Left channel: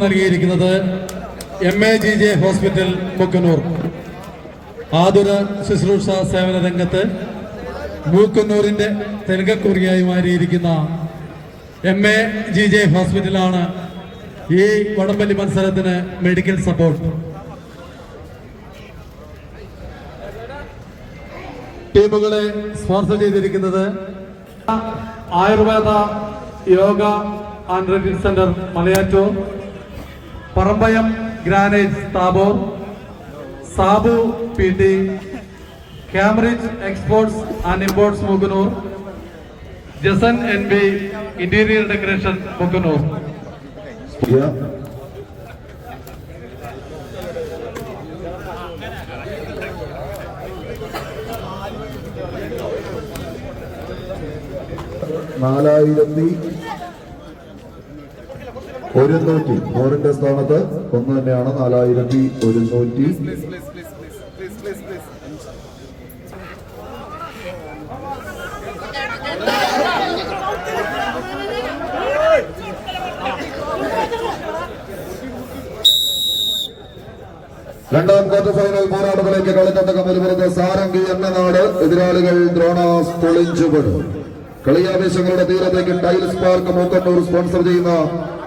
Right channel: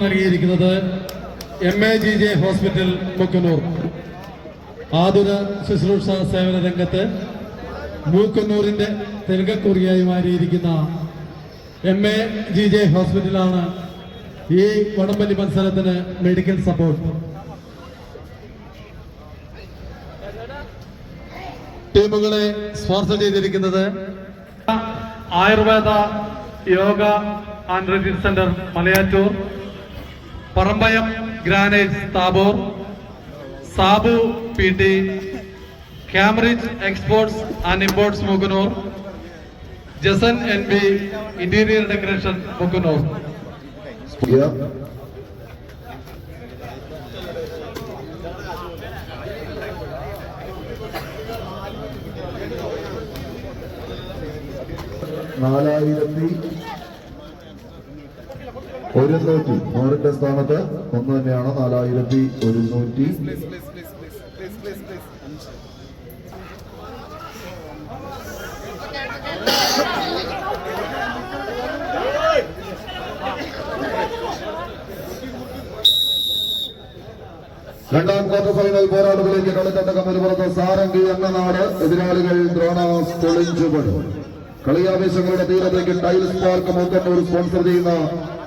നൽകിയിരിക്കുന്നത് MAGJ hospital Mookkannoor. ആതുര ശുശ്രൂഷ സേവന രംഗത്ത് മൂക്കന്നൂരിന്റെ തിലകക്കുറിയായി മാറിയിരിക്കുന്ന MAGJ ഹോസ്പിറ്റലാണ് ഈ വടംവലി മത്സരത്തിന് മെഡിക്കൽ സപ്പോർട്ട്. ടീമുകളെ സ്പോൺസർ ചെയ്തിരിക്കുന്നത് Ayurveda yoga and retreat centre Malayattoor, Parambayam granite Thabor, Sabu PT, Cambridge exports and imports Mookkannoor, Jasan NB interior decoration Mookkannoor. ഫോറിന്റെ സ്ഥാനത്ത് ഒന്ന് തന്നെയാണ്. 4100. രണ്ടാം ക്വാർട്ടർ ഫൈനൽ പോരാട്ടത്തിലേക്ക് കളിത്തട്ടകം വരുന്നത് സാരംഗി എന്ന നാട്. എതിരാളികൾ ദ്രോണാസ് പൊളിഞ്ചുപെടും. കളിയാവേശങ്ങളുടെ തീരത്തേക്ക് ടൈൽസ് പാർക്ക് മൂക്കന്നൂർ സ്പോൺസർ ചെയ്യുന്ന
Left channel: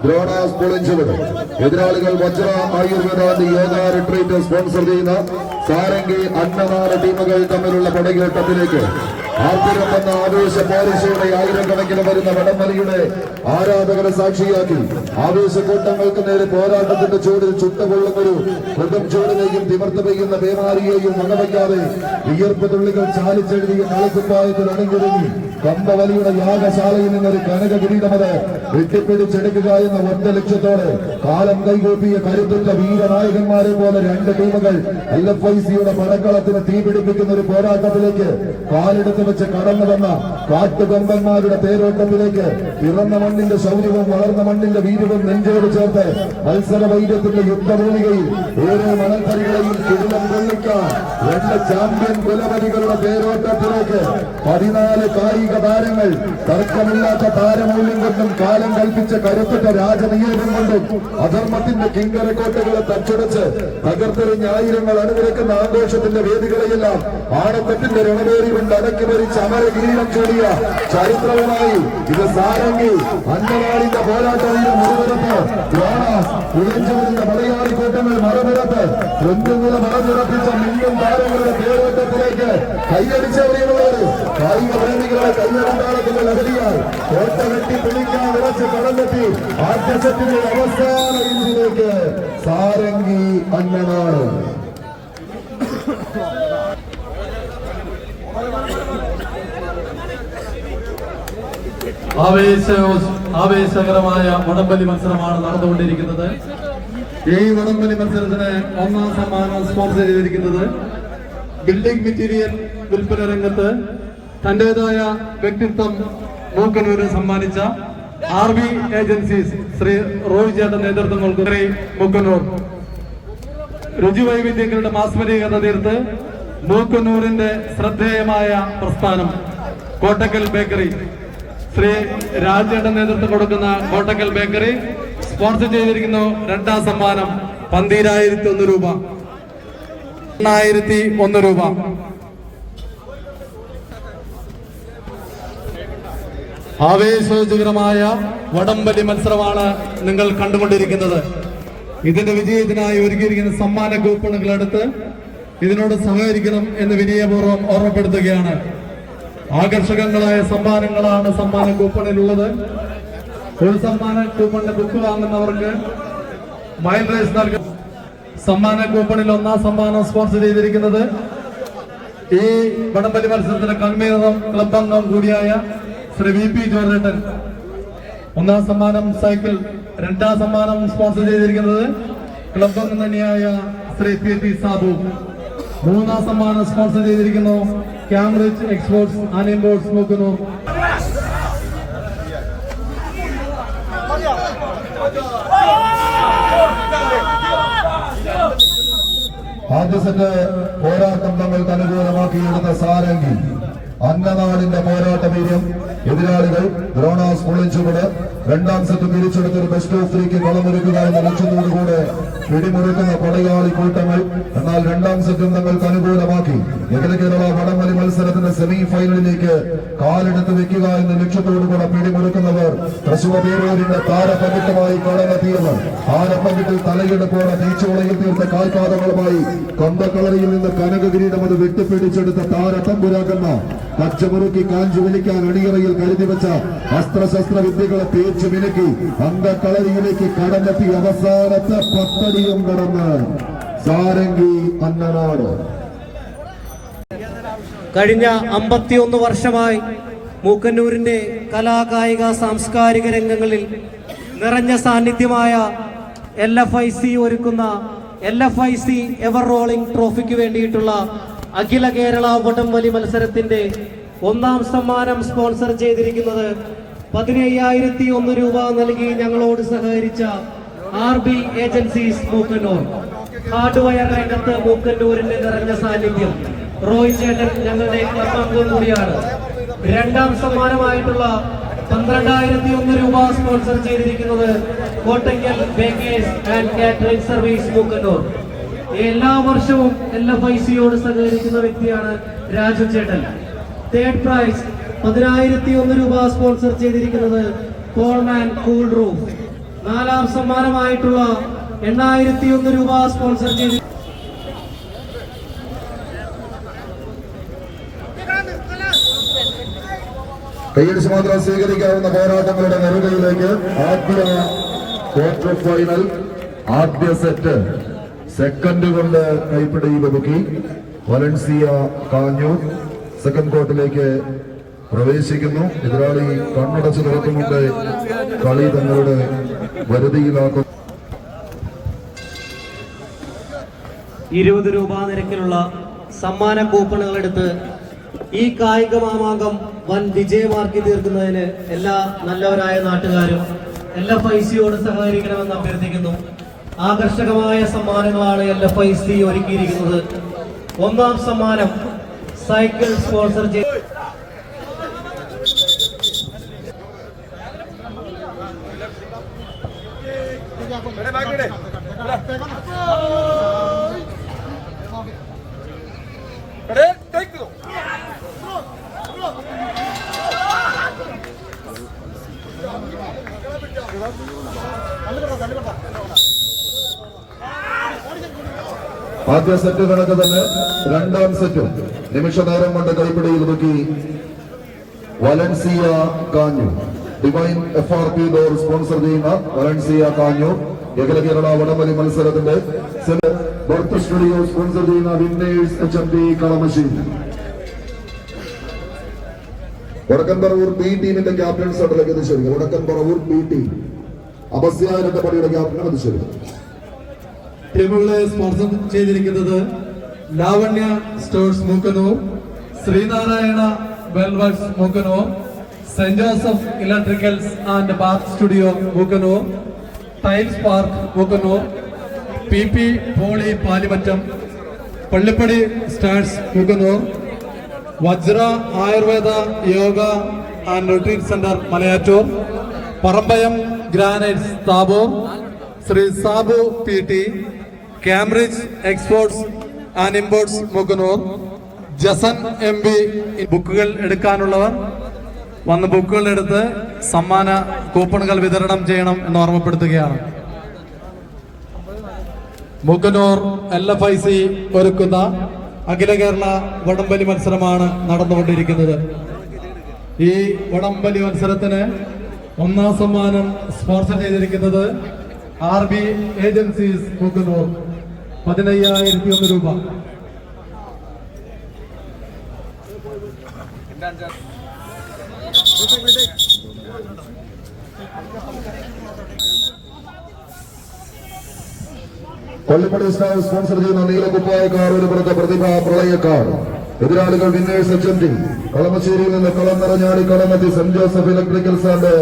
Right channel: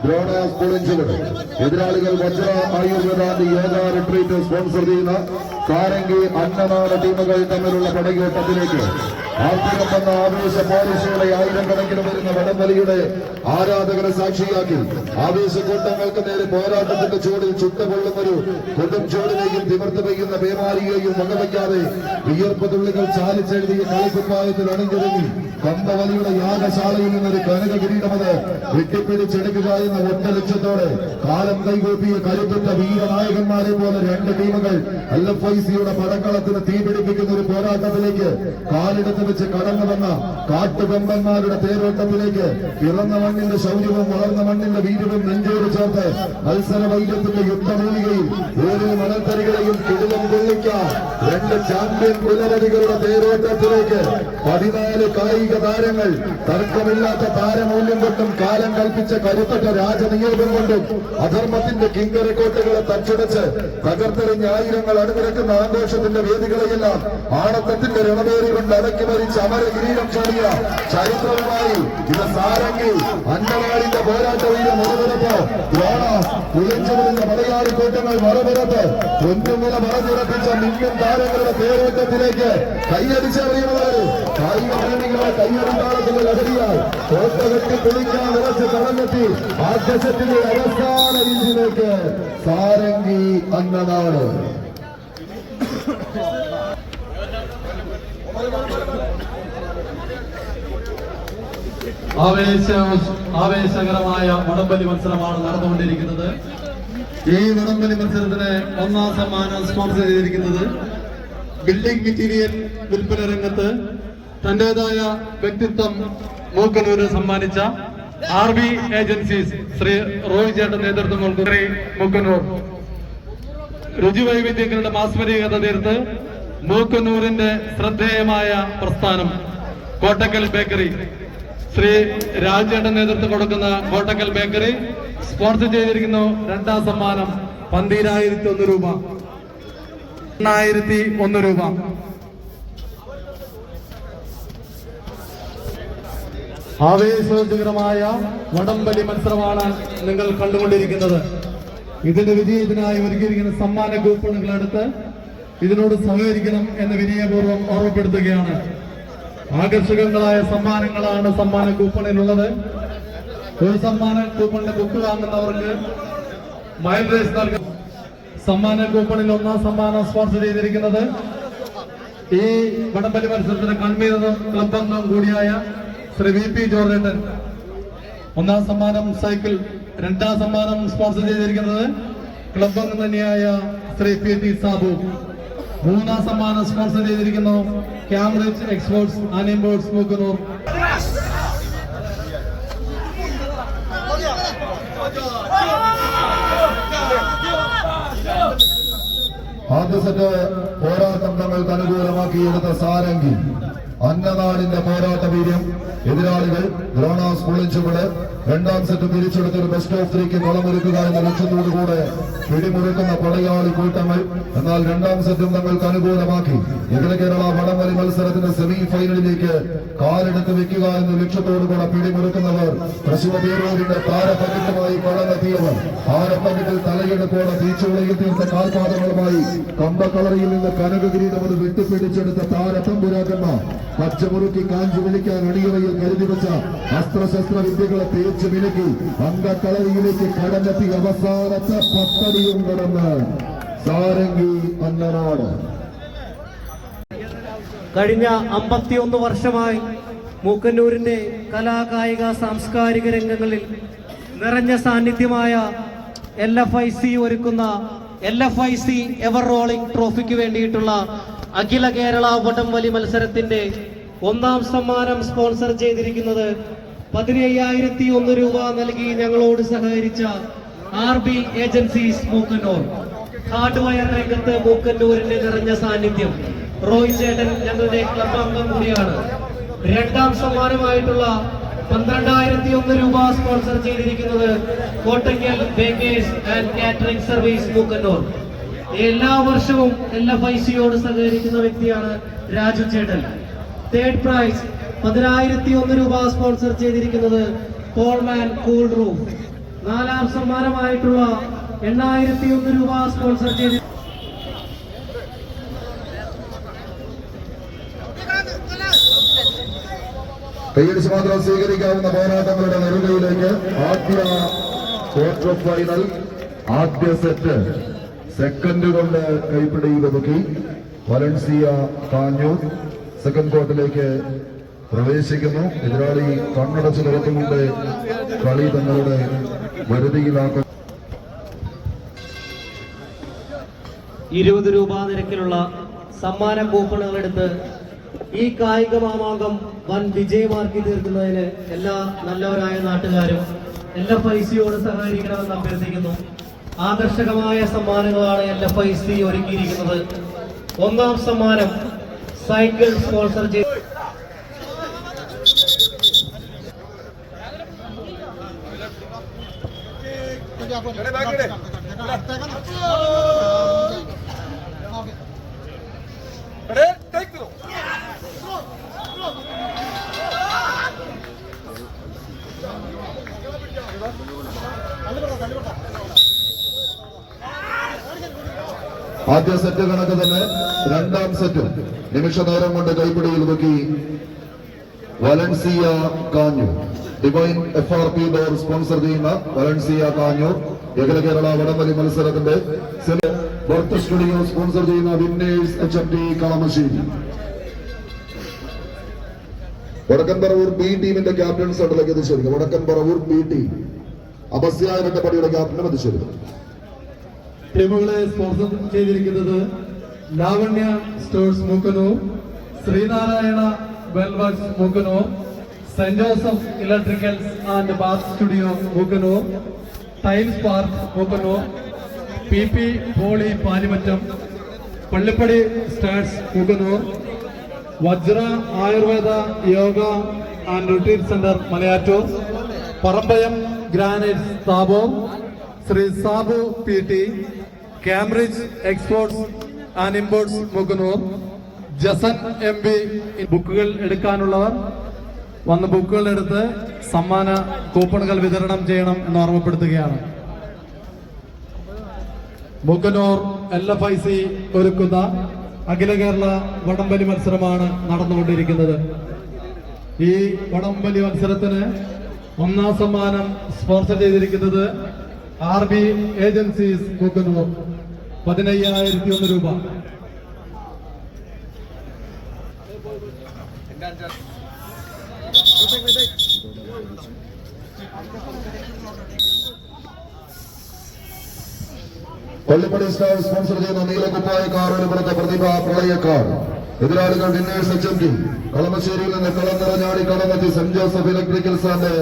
ദ്രോണാസ് പൊളിഞ്ചുപെടും. എതിരാളികൾ വജ്ര ആയുർവേദ യോഗ റിട്രീറ്റ് സ്പോൺസർ ചെയ്യുന്ന സാരംഗി അന്നനാട് ടീമുകൾ തമ്മിലുള്ള പടകേട്ടത്തിലേക്ക് ആർത്തിരം എന്ന ആവേശ പോരിശയുടെ ആയിരക്കണക്കിന് വരുന്ന വടംവലിയുടെ ആരാധകരെ സാക്ഷിയാക്കി ആവേശക്കൂട്ടങ്ങൾക്ക് നേരെ പോരാട്ടത്തിന്റെ ചൂടിൽ ചുട്ടുകൊള്ളുന്നൊരു കൊടും ചൂടിനെയും തിമിർത്ത് പെയ്യുന്ന പേമാരിയെയും വകവയ്ക്കാതെ വിയർപ്പ് തുള്ളികൾ ചാലിച്ചെഴുതിയ കളിക്കുപ്പായത്തിൽ അണിഞ്ഞൊരുങ്ങി കമ്പവലിയുടെ യാഗശാലയിൽ നിന്നൊരു കനക കിരീടമത് വെട്ടിപ്പിടിച്ചെടുക്കുക എന്ന ഒറ്റ ലക്ഷ്യത്തോടെ കാലം കൈകൂപ്പിയ കരുത്തുറ്റ വീരനായകന്മാരെ പോലെ രണ്ട് ടീമുകൾ LFICയുടെ പടക്കളത്തിന് തീപിടിപ്പിക്കുന്ന ഒരു പോരാട്ടത്തിലേക്ക് കാലെടുത്ത് വെച്ച് കടന്നു വന്ന കാട്ടുകൊമ്പന്മാരുടെ തേരോട്ടത്തിലേക്ക് പിറന്ന മണ്ണിന്റെ ശൗര്യവും വളർന്ന മണ്ണിന്റെ വീര്യവും നെഞ്ചോട് ചേർത്ത് മത്സര വൈര്യത്തിന്റെ യുദ്ധഭൂമികയിൽ ഓരോ മണൽത്തരികളെയും കിടിലം കൊള്ളിക്കാൻ രണ്ട് ചാമ്പ്യൻ കുലപതികളുടെ തേരോട്ടത്തിലേക്ക് 14 കായിക താരങ്ങൾ തർക്കമില്ലാത്ത താരമൂല്യം കൊണ്ടും കാലം കൽപ്പിച്ച കരുത്തറ്റ രാജനിയോഗം കൊണ്ടും അധർമ്മത്തിന്റെ കിങ്കരക്കോട്ടകളെ തച്ചുടച്ച് തകർത്തെറിഞ്ഞ ആയിരങ്ങൾ അണിനിരക്കുന്ന ആഘോഷത്തിന്റെ വേദികളെയെല്ലാം ആണത്തത്തിന്റെ രണവേറി കൊണ്ട് അടക്കി ഭരിച്ച് അമരകിരീടം ചാടിയ ചരിത്രവുമായി ഇത് സാരംഗി അന്നനാടിന്റെ പോരാട്ടവീര മുറിവിലത്ത് ദ്രോണാസ് കുളിഞ്ചുവിന്റെ മലയാളിക്കൂട്ടങ്ങൾ മറവിലത്ത് പൊന്നുനില മറഞ്ഞുറപ്പിച്ച മിന്നും താരങ്ങളുടെ പേരോട്ടത്തിലേക്ക് കൈയടിച്ചെറിയുന്നവർ കായിക പ്രേമികളെ കയ്യറിണ്ടാളത്തിൽ അടങ്ങിയാൽ കോട്ട വെട്ടി പൊളിക്കാൻ നിറച്ച് കടന്നെത്തി ആദ്യ സെറ്റിന്റെ അവസാന ഇഞ്ചിലേക്ക് സാരംഗി അന്നനാട്. ആവേശകരമായ വടംവലി മത്സരമാണ് നടന്നുകൊണ്ടിരിക്കുന്നത്. ഈ വടംവലി മത്സരത്തിന് ഒന്നാം സമ്മാനം സ്പോൺസർ ചെയ്തിരിക്കുന്നത് ബിൽഡിംഗ് മെറ്റീരിയൽ വിൽപ്പന രംഗത്ത് തന്റേതായ വ്യക്തിത്വം മൂക്കന്നൂരിന് സമ്മാനിച്ച RB ഏജൻസീസ് ശ്രീ റോയ് ചേട്ടൻ നേതൃത്വം നൽകുന്ന മൂക്കന്നൂർ. രുചിവൈവിധ്യങ്ങളുടെ മാസ്മരികത തീർത്ത് മൂക്കന്നൂരിന്റെ ശ്രദ്ധേയമായ പ്രസ്ഥാനം കോട്ടക്കൽ ബേക്കറി ശ്രീ രാജേട്ടൻ നേതൃത്വം കൊടുക്കുന്ന കോട്ടക്കൽ ബേക്കറി സ്പോൺസർ ചെയ്തിരിക്കുന്നു. രണ്ടാം സമ്മാനം 12,001 രൂപ, 8,001 രൂപ. ആവേശോജ്വലമായ വടംവലി മത്സരമാണ് നിങ്ങൾ കണ്ടുകൊണ്ടിരിക്കുന്നത്. ഇതിന്റെ വിജയത്തിനായി ഒരുക്കിയിരിക്കുന്ന സമ്മാന കൂപ്പണുകൾ എടുത്ത് ഇതിനോട് സഹകരിക്കണം എന്ന് വിനയപൂർവ്വം ഓർമ്മപ്പെടുത്തുകയാണ്. ആകർഷകങ്ങളായ സമ്മാനങ്ങളാണ് സമ്മാന കൂപ്പണിലുള്ളത്. ഒരു സമ്മാന കൂപ്പണിന്റെ ബുക്ക് വാങ്ങുന്നവർക്ക് മൈൽ റേസ് നൽകും. സമ്മാന കൂപ്പണിൽ ഒന്നാം സമ്മാനം സ്പോൺസർ ചെയ്തിരിക്കുന്നത് ഈ വടംവലി മത്സരത്തിന്റെ കൺവീനറും ക്ലബ് അംഗം കൂടിയായ ശ്രീ VP ജോർജേട്ടൻ. ഒന്നാം സമ്മാനം സൈക്കിൾ. രണ്ടാം സമ്മാനം സ്പോൺസർ ചെയ്തിരിക്കുന്നത് ക്ലബ് അംഗം തന്നെയായ ശ്രീ PT സാബു. മൂന്നാം സമ്മാനം സ്പോൺസർ ചെയ്തിരിക്കുന്നു Cambridge exports and imports Mookkannoor. ആദ്യ സെറ്റ് പോരാട്ടം തങ്ങൾക്ക് അനുകൂലമാക്കിയെടുത്ത സാരംഗി അന്നനാടിന്റെ പോരാട്ട വീര്യം. എതിരാളികൾ ദ്രോണാസ് പൊളിഞ്ചുപെട് രണ്ടാം സെറ്റ് തിരിച്ചെടുത്ത് ഒരു ബെസ്റ്റ് ഓഫ് 3ക്ക് കളമൊരുക്കുക എന്ന ലക്ഷ്യത്തോടുകൂടെ പിടിമുറുക്കുന്ന പടയാളി കൂട്ടങ്ങൾ. എന്നാൽ രണ്ടാം സെറ്റും തങ്ങൾക്ക് അനുകൂലമാക്കി അഖില കേരള വടംവലി മത്സരത്തിന്റെ സെമി ഫൈനലിലേക്ക് കാലെടുത്ത് വെക്കുക എന്ന ലക്ഷ്യത്തോടുകൂടെ പിടിമുറുക്കുന്നവർ തൃശൂർ പേരൂരിന്റെ താരപങ്കിട്ടുമായി കളമെത്തിയവർ. താരപങ്കിട്ടിൽ തലയെടുപ്പോടെ തീച്ചുളയിൽ തീർത്ത കാൽപാദങ്ങളുമായി കമ്പക്കളറിയിൽ നിന്ന് കനകകിരീടം അത് വിട്ടുപിടിച്ചെടുത്ത താരത്തമ്പുരാക്കന്മാർ പച്ചമുറുക്കി കാഞ്ചു വിളിക്കാൻ അണിയറയിൽ കരുതി വെച്ച അസ്ത്രശസ്ത്ര വിദ്യകളെ തേച്ച് മിനുക്കി അങ്കക്കളരിയിലേക്ക് കടന്നെത്തി അവസാനത്തെ പത്തടിയും കടന്ന് സാരംഗി അന്നനാട്. കഴിഞ്ഞ 51 വർഷമായി മൂക്കന്നൂരിന്റെ കലാകായിക സാംസ്കാരിക രംഗങ്ങളിൽ നിറഞ്ഞ സാന്നിധ്യമായ LFIC ഒരുക്കുന്ന LFIC എവർ റോളിംഗ് ട്രോഫിക്ക് വേണ്ടിയിട്ടുള്ള അഖില കേരള വടംവലി മത്സരത്തിന്റെ 1ാം സമ്മാനം സ്പോൺസർ ചെയ്തിരിക്കുന്നത് 15,001 രൂപ നൽകി ഞങ്ങളോട് സഹകരിച്ച RB ഏജൻസീസ് മൂക്കന്നൂർ. ഹാർഡ്വെയർ രംഗത്ത് മൂക്കന്നൂരിന്റെ നിറഞ്ഞ സാന്നിധ്യം. റോയ് ചേട്ടൻ ഞങ്ങളുടെ കർമ്മം കൂടിയാണ്. 2ാം സമ്മാനമായിട്ടുള്ള 12,001 രൂപ സ്പോൺസർ ചെയ്തിരിക്കുന്നത് Kottakkal baker's and catering service Mookkannoor. എല്ലാ വർഷവും LFICയോട് സഹകരിക്കുന്ന വ്യക്തിയാണ് രാജു ചേട്ടൻ. 3rd പ്രൈസ് 10,001 രൂപ സ്പോൺസർ ചെയ്തിരിക്കുന്നത് കോൾമാൻ കൂൾ റൂം. 4ാം സമ്മാനമായിട്ടുള്ള 8,001 രൂപ സ്പോൺസർ ചെയ്തി കൈയടിച്ച് മാത്രം സ്വീകരിക്കാവുന്ന പോരാട്ടങ്ങളുടെ നെറുകയിലേക്ക് ആദ്യ ക്വാർട്ടർ ഫൈനൽ ആദ്യ സെറ്റ് സെക്കൻഡ് കൊണ്ട് കൈപ്പിടിയിൽ ഒതുക്കി വലൻസിയ കാഞ്ഞൂർ സെക്കൻഡ് കോർട്ടിലേക്ക് പ്രവേശിക്കുന്നു. എതിരാളി കണ്ണടച്ച് തുറക്കുന്നുണ്ട്. കളി തങ്ങളുടെ വരുതിയിലാക്കും. 20 രൂപ നിരക്കിലുള്ള സമ്മാന കൂപ്പണുകൾ എടുത്ത് ഈ കായിക മാമാങ്കം വൻ വിജയമാക്കി തീർക്കുന്നതിന് എല്ലാ നല്ലവരായ നാട്ടുകാരും LFICയോട് സഹകരിക്കണമെന്ന് അഭ്യർത്ഥിക്കുന്നു. ആകർഷകമായ സമ്മാനങ്ങളാണ് LFIC ഒരുക്കിയിരിക്കുന്നത്. 1ാം സമ്മാനം സൈക്കിൾ സ്പോൺസർ ചെയ്ത് ആദ്യ സെറ്റ് കണക്ക് തന്നെ 2ാം സെറ്റും നിമിഷ നേരം കൊണ്ട് കൈപ്പിടിയിൽ ഒതുക്കി Valencia Kanjoor. Divine FRP door sponsor ചെയ്യുന്ന വലൻസിയ കാഞ്ഞൂർ അഖില കേരള വടംവലി മത്സരത്തിന്റെ ബർത്ത് സ്റ്റുഡിയോ സ്പോൺസർ ചെയ്യുന്ന വിന്നേഴ്സ് HMT കളമശ്ശേരി. വടക്കൻപറവൂർ B ടീമിന്റെ ക്യാപ്റ്റൻ സട്ടലേക്ക് എത്തിച്ചേരുക. വടക്കൻപറവൂർ B ടീം അപസ്യാരന്റെ പടിയുടെ ക്യാപ്റ്റനും എത്തിച്ചേരുക. ടീമുകളെ സ്പോൺസർ ചെയ്തിരിക്കുന്നത് Lavanya stores Mookkannoor, Sreenarayana wellworks Mookkannoor, saint Joseph electricals and bath studio Mookkannoor, tiles park Mookkannoor, PP poly Palimattom, Pallippadi stars Mookkannoor, Vajra Ayurveda yoga and retreat centre Malayattoor, Parambayam granites Thabor, Shri Sabu PT, Cambridge exports and imports Mookkannoor, Jasan MB. ബുക്കുകൾ എടുക്കാനുള്ളവർ വന്ന് ബുക്കുകൾ എടുത്ത് സമ്മാന കൂപ്പണുകൾ വിതരണം ചെയ്യണം എന്ന് ഓർമ്മപ്പെടുത്തുകയാണ്. മൂക്കന്നൂർ LFIC ഒരുക്കുന്ന അഖില കേരള വടംവലി മത്സരമാണ് നടന്നുകൊണ്ടിരിക്കുന്നത്. ഈ വടംവലി മത്സരത്തിന് 1ാം സമ്മാനം സ്പോൺസർ ചെയ്തിരിക്കുന്നത് RB ഏജൻസീസ് മൂക്കന്നൂർ 15,001 രൂപ. പള്ളിപ്പടി സ്റ്റാർ സ്പോൺസർ ചെയ്യുന്ന നീലക്കുപ്പായക്കാർ ഒരു പുറത്തെ പ്രതിഭ പ്രളയക്കാർ. എതിരാളികൾ വിന്നേഴ്സ് HMT. കളമശ്ശേരിയിൽ നിന്ന് കളം നിറഞ്ഞാടി കടമെത്തി saint Joseph electricals and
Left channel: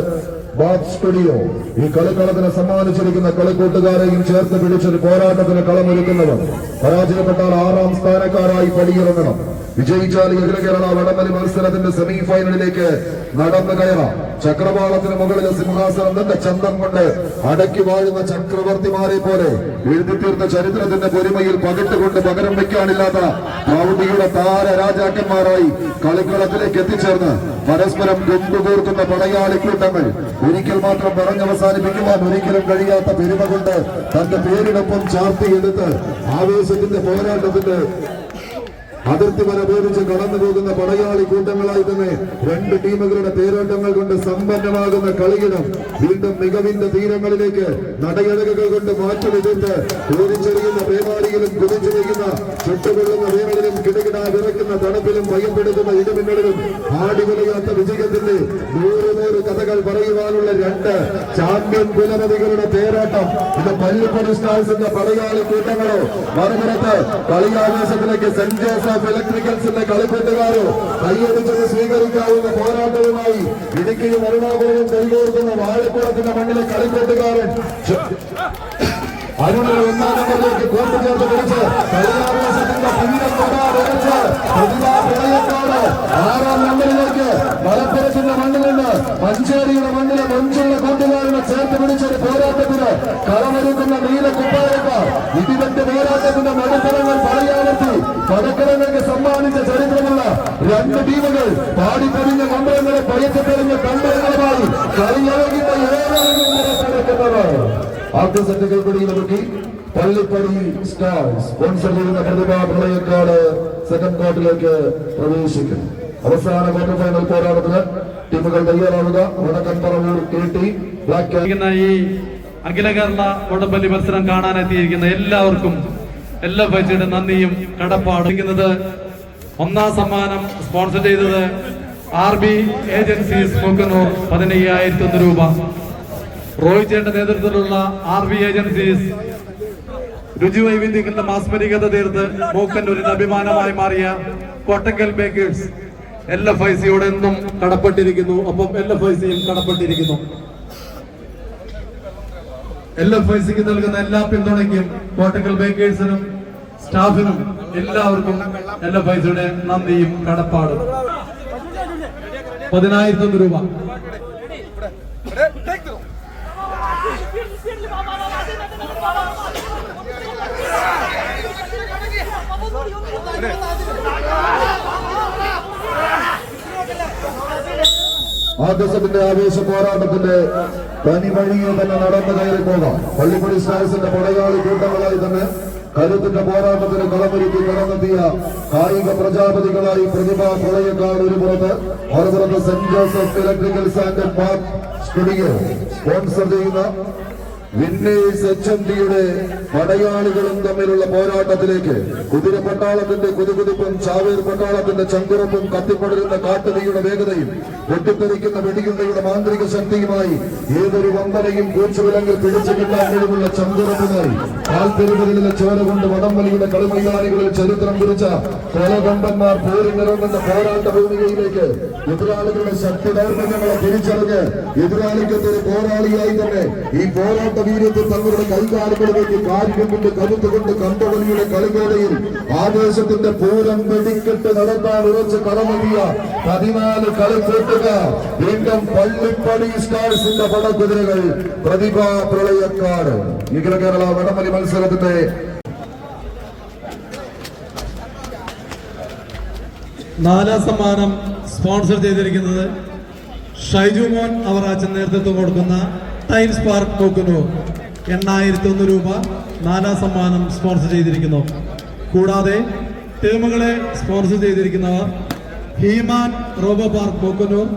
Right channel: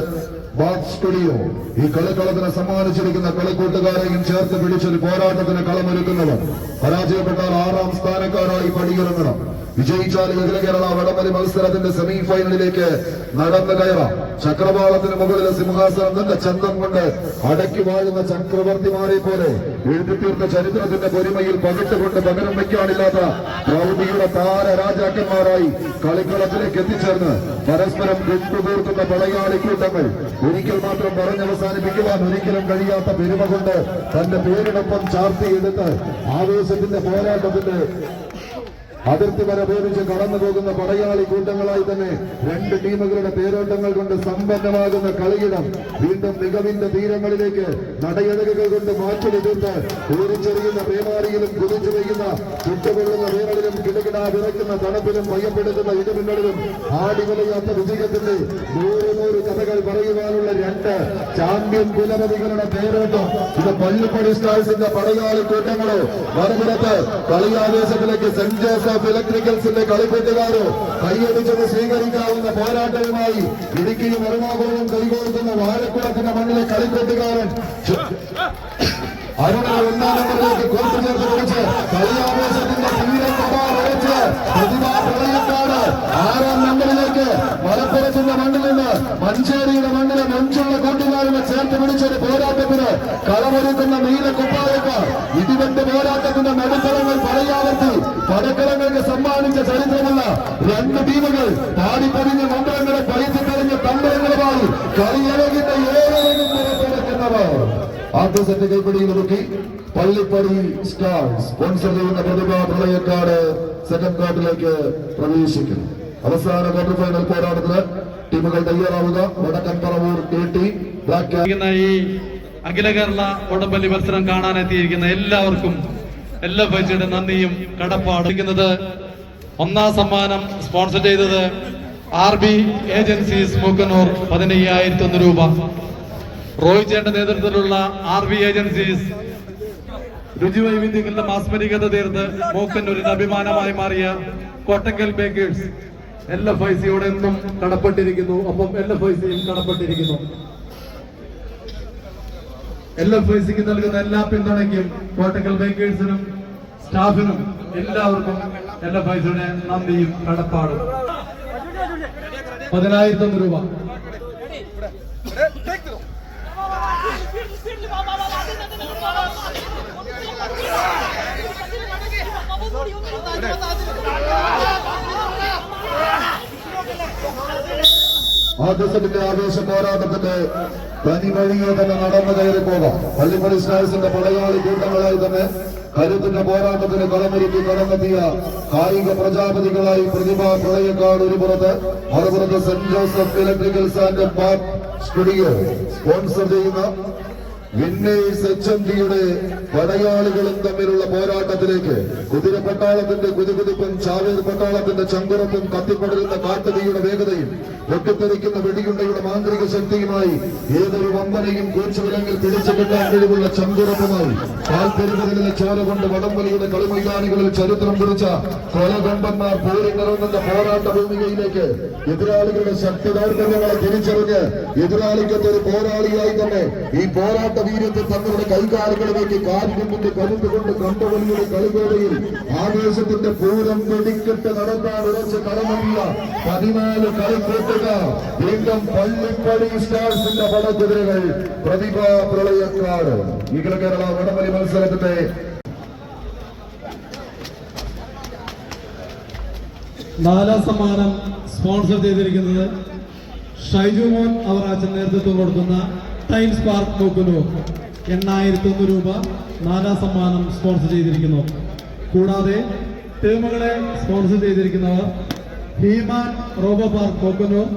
bath studio. ഈ കളിക്കളത്തിന് സമ്മാനിച്ചിരിക്കുന്ന കളിക്കൂട്ടുകാരെയും ചേർത്ത് പിടിച്ചൊരു പോരാട്ടത്തിന് കളമൊരുക്കുന്നവർ. പരാജയപ്പെട്ടാൽ 6ാം സ്ഥാനക്കാരായി പടിയിറങ്ങണം. വിജയിച്ചാൽ അഖില കേരള വടംവലി മത്സരത്തിന്റെ സെമി ഫൈനലിലേക്ക് നടന്നു കയറാം. ചക്രവാളത്തിന് മുകളിലെ സിംഹാസനം തന്റെ ചന്തം കൊണ്ട് അടക്കി വാഴുന്ന ചക്രവർത്തിമാരെ പോലെ എഴുതിത്തീർന്ന ചരിത്രത്തിന്റെ പൊലിമയിൽ പകിട്ടുകൊണ്ട് പകരം വയ്ക്കാനില്ലാത്ത പ്രൗഢിയുടെ താര രാജാക്കന്മാരായി കളിക്കളത്തിലേക്ക് എത്തിച്ചേർന്ന് പരസ്പരം കൊണ്ടുതീർക്കുന്ന പടയാളി കൂട്ടങ്ങൾ ഒരിക്കൽ മാത്രം പറഞ്ഞവസാനിപ്പിക്കുവാൻ ഒരിക്കലും കഴിയാത്ത പെരുമ കൊണ്ട് തന്റെ പേരിനൊപ്പം ചാർത്തിയെടുത്ത് ആവേശത്തിന്റെ പോരാട്ടത്തിന്റെ അതിർത്തി വരെ ഉപയോഗിച്ച് കടന്നു പോകുന്ന പടയാളി കൂട്ടങ്ങളായി തന്നെ രണ്ട് ടീമുകളുടെ പേരോട്ടങ്ങൾ കൊണ്ട് സമ്പന്നമാകുന്ന കളിയിടം വീണ്ടും മികവിന്റെ തീരങ്ങളിലേക്ക് നടയടകുകൾ കൊണ്ട് മാറ്റിലെടുത്ത് ഓടിച്ചെറിയുന്ന പേമാരിയിലും കുതിച്ചു വയ്ക്കുന്ന ചുട്ടുകൊള്ളുന്ന വേനലിലും കിടുകിടാ വിറയ്ക്കുന്ന തണുപ്പിലും ഭയപ്പെടുത്തുന്ന ഇടിമിന്നലിലും ആടിവലയാത്ത വിജയത്തിന്റെ 100 കഥകൾ പറയുവാനുള്ള രണ്ട് ചാമ്പ്യൻ കുലപതികളുടെ പേരാട്ടം. ഇത് പള്ളിപ്പടി സ്റ്റാർസിന്റെ പടയാളി കൂട്ടങ്ങളോ മറുപുറത്ത് കളിയാവേശത്തിലേക്ക് സെന്റ് ജോസഫ് ഇലക്ട്രിക്കൽസിന്റെ കളിക്കൂട്ടുകാരോ കൈയടിച്ചത് സ്വീകരിക്കാവുന്ന പോരാട്ടവുമായി ഇടുക്കിയും എറണാകുളവും കൈകോർക്കുന്ന വാഴക്കുളത്തിന്റെ മണ്ണിലെ കളിക്കൂട്ടുകാരൻ അരുണിനെ ഒന്നാം നമ്പറിലേക്ക് കോർട്ട് ചേർത്ത് പിടിച്ച് കളിയാവേശത്തിന്റെ തീരം തൊടാറച്ച് പ്രതിഭാ പ്രളയക്കാട് 6ാം നമ്പറിലേക്ക് മലപ്പുറത്തിന്റെ മണ്ണിൽ നിന്ന് മഞ്ചേരിയുടെ മണ്ണിലെ മഞ്ചുള്ള കൂട്ടുകാരനെ ചേർത്ത് പിടിച്ചൊരു പോരാട്ടത്തിന് കളമൊരുക്കുന്ന നീല കുപ്പായക്കാർ ഇടിവെട്ട് പോരാട്ടത്തിന്റെ നടുത്തരങ്ങൾ പടയാവർത്തി പടക്കരങ്ങൾക്ക് സമ്മാനിച്ച ചരിത്രമുള്ള രണ്ട് ടീമുകൾ പാടിപ്പൊടിഞ്ഞ നമ്പരങ്ങളെ പഴിച്ചെറിഞ്ഞ തമ്പരങ്ങളുമായി കളിയളകിന്റെ ഏഴരങ്ങും പുറത്തെടുക്കുന്നവർ ആദ്യ സെറ്റ് കൈപ്പിടിയിൽ നോക്കി പള്ളിപ്പടി സ്റ്റാർസ് സ്പോൺസർ ചെയ്യുന്ന പ്രതിഭാ പ്രളയക്കാട് സെക്കൻഡ് ക്വാർട്ടറിലേക്ക് പ്രവേശിക്കുന്നു. അവസാന ക്വാർട്ടർ ഫൈനൽ പോരാട്ടത്തിന് ടീമുകൾ തയ്യാറാവുക. വടക്കൻ പറവൂർ KT ബ്ലാക്ക് ഈ അഖില കേരള വടംവലി മത്സരം കാണാനെത്തിയിരിക്കുന്ന എല്ലാവർക്കും എല്ലാ ബൈച്ചിയുടെ നന്ദിയും കടപ്പാടുന്നത്. ഒന്നാം സമ്മാനം സ്പോൺസർ ചെയ്തത് RB ഏജൻസീസ് മൂക്കന്നൂർ 15,001 രൂപ. റോയിച്ചേന്റെ നേതൃത്വത്തിലുള്ള RB ഏജൻസീസ് രുചിവൈവിധ്യങ്ങളുടെ മാസ്മരികത തീർത്ത് മൂക്കന്നൂരിന് അഭിമാനമായി മാറിയ കോട്ടക്കൽ ബേക്കേഴ്സ് LFICയോട് എന്നും കടപ്പെട്ടിരിക്കുന്നു. ഒപ്പം LFICയും കടപ്പെട്ടിരിക്കുന്നു. LFICക്ക് നൽകുന്ന എല്ലാ പിന്തുണയ്ക്കും കോട്ടക്കൽ ബേക്കേഴ്സിനും സ്റ്റാഫിനും എല്ലാവർക്കും LFICയുടെ നന്ദിയും കടപ്പാടും. 10,001 രൂപ. ആദ്യസത്തിന്റെ ആവേശ പോരാട്ടത്തിന്റെ തനിവഴിയെ തന്നെ നടന്നു കയറി പോകാം. പള്ളിപ്പടി സ്റ്റാർസിന്റെ പടയാളി കൂട്ടങ്ങളായി തന്നെ കരുത്തിന്റെ പോരാട്ടത്തിന് കളമൊരുക്കി കടന്നെത്തിയ കായിക പ്രജാപതികളായി പ്രതിഭാ പ്രളയക്കാട് ഒരു പുറത്ത്, മറുപുറത്ത് saint Joseph electricals and park studio sponsor ചെയ്യുന്ന വിന്നേഴ്സ് HMDയുടെ പടയാളികളും തമ്മിലുള്ള പോരാട്ടത്തിലേക്ക് കുതിര പട്ടാളത്തിന്റെ കുതുകുതിപ്പും ചാവേർ പട്ടാളത്തിന്റെ ചങ്കുറപ്പും കത്തിപ്പടരുന്ന കാട്ടുതീയുടെ വേഗതയും പൊട്ടിത്തെറിക്കുന്ന വെടിയുണ്ടയുടെ മാന്ത്രിക ശക്തിയുമായി ഏതൊരു വമ്പനെയും കൂച്ചുവിലങ്ങിൽ പിടിച്ചു കിട്ടാൻ കഴിവുള്ള ചങ്കുറപ്പുമായി കാൽപ്പെരുകളിലെ ചോര കൊണ്ട് വടംവലിയുടെ കളിമൈതാനികളിൽ ചരിത്രം കുറിച്ച കൊലകമ്പന്മാർ പോരിനിറങ്ങുന്ന പോരാട്ട ഭൂമികയിലേക്ക് എതിരാളികളുടെ ശക്തി ദൗർബല്യങ്ങളെ തിരിച്ചറിഞ്ഞ് എതിരാളിക്കത്തെ ഒരു പോരാളിയായി തന്നെ ഈ പോരാട്ട വീര്യത്തിൽ തങ്ങളുടെ കൈകാലുകളിലേക്ക് കാൽകൊണ്ടിന്റെ കരുത്ത് കൊണ്ട് കമ്പവലിയുടെ കളിവേളയിൽ ആവേശത്തിന്റെ പൂരം വെടിക്കെട്ട് നടത്താൻ ഉറച്ച് കടമറിയ 14 കളിക്കൂട്ടുകാർ വീണ്ടും പള്ളിപ്പടി സ്റ്റാർസിന്റെ പടക്കുതിരകൾ പ്രതിഭാ പ്രളയക്കാട്. അഖില കേരള വടംവലി മത്സരത്തിന്റെ 4ാം സമ്മാനം സ്പോൺസർ ചെയ്തിരിക്കുന്നത് ഷൈജു മോൻ അവറാച്ചൻ നേതൃത്വം കൊടുക്കുന്ന ടൈൽസ് പാർക്ക് മൂക്കന്നൂർ 8,001 രൂപ 4ാം സമ്മാനം സ്പോൺസർ ചെയ്തിരിക്കുന്നു. കൂടാതെ ടീമുകളെ സ്പോൺസർ ചെയ്തിരിക്കുന്നവർ he man robo park Mookkannoor,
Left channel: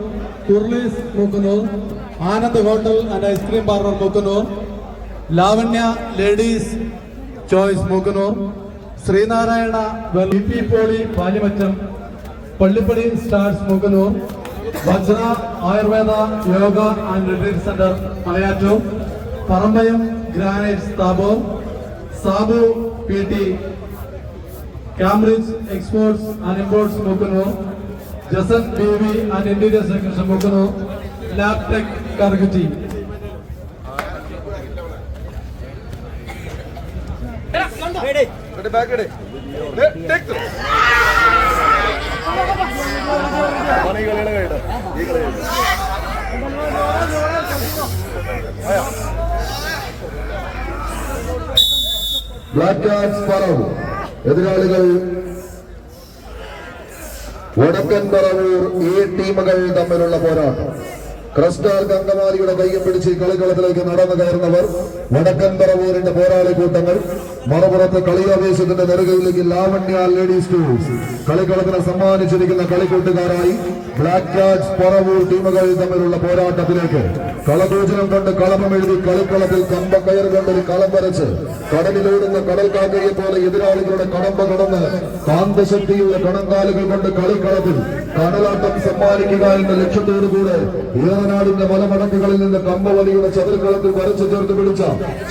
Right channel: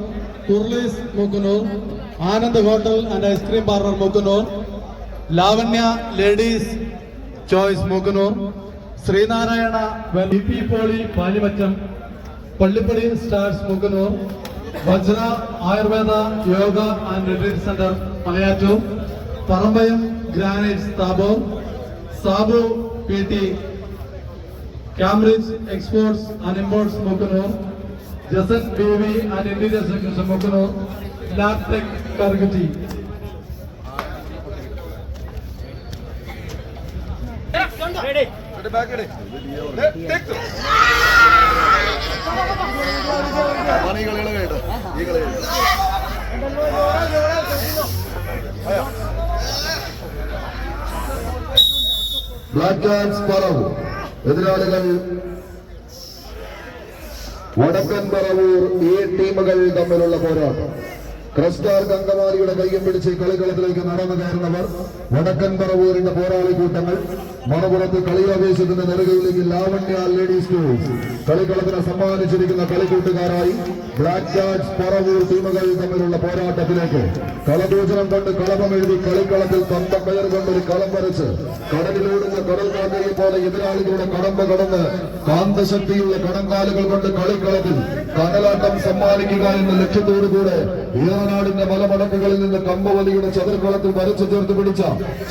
curlies Mookkannoor, Anand hotel and ice cream parlour Mookkannoor, Lavanya ladies choice Mookkannoor, Sreenarayana BP poly Palimattom, Pallippadi stars Mookkannoor, Vajra Ayurveda yoga and retreat centre Malayattoor, Parambayam granites Thabor, Sabu PT Cambridge exports and imports Mookkannoor, Jasan BV and interior section Mookkannoor, labtech കർഗറ്റി. Black cats Paravur എതിരാളികൾ വടക്കൻ പറവൂർ. ഈ ടീമുകൾ തമ്മിലുള്ള പോരാട്ടം. ക്രസ്റ്റാർ അങ്കമാലിയുടെ കൈയും പിടിച്ച് കളിക്കളത്തിലേക്ക് നടന്നു കയറുന്നവർ വടക്കൻ പറവൂരിന്റെ പോരാളി കൂട്ടങ്ങൾ. മറുപുറത്ത് കളിയാവേശത്തിന്റെ നെറുകയിലേക്ക് ലാവണ്യ ലേഡീസ് ടൂൾസ് കളിക്കളത്തിന് സമ്മാനിച്ചിരിക്കുന്ന കളിക്കൂട്ടുകാരായി ബ്ലാക്ക് ക്യാറ്റ്സ് പറവൂർ ടീമുകൾ തമ്മിലുള്ള പോരാട്ടത്തിലേക്ക് കളഭോജനം കൊണ്ട് കളമം എഴുതി കളിക്കളത്തിൽ കമ്പക്കയർ കൊണ്ടൊരു കളം വരച്ച് കടലിലോടുന്ന കടൽ കാക്കയെ പോലെ എതിരാളികളുടെ കടമ്പ കടന്ന് കാന്തശക്തിയുള്ള കണങ്കാലുകൾ കൊണ്ട് കളിക്കളത്തിൽ കടലാട്ടം സമ്മാനിക്കുക എന്ന ലക്ഷ്യത്തോടുകൂടെ ഏറനാടിന്റെ മലമടക്കുകളിൽ നിന്ന് കമ്പവലിയുടെ ചതുർകളത്തിൽ വരച്ചു ചേർത്ത് പിടിച്ച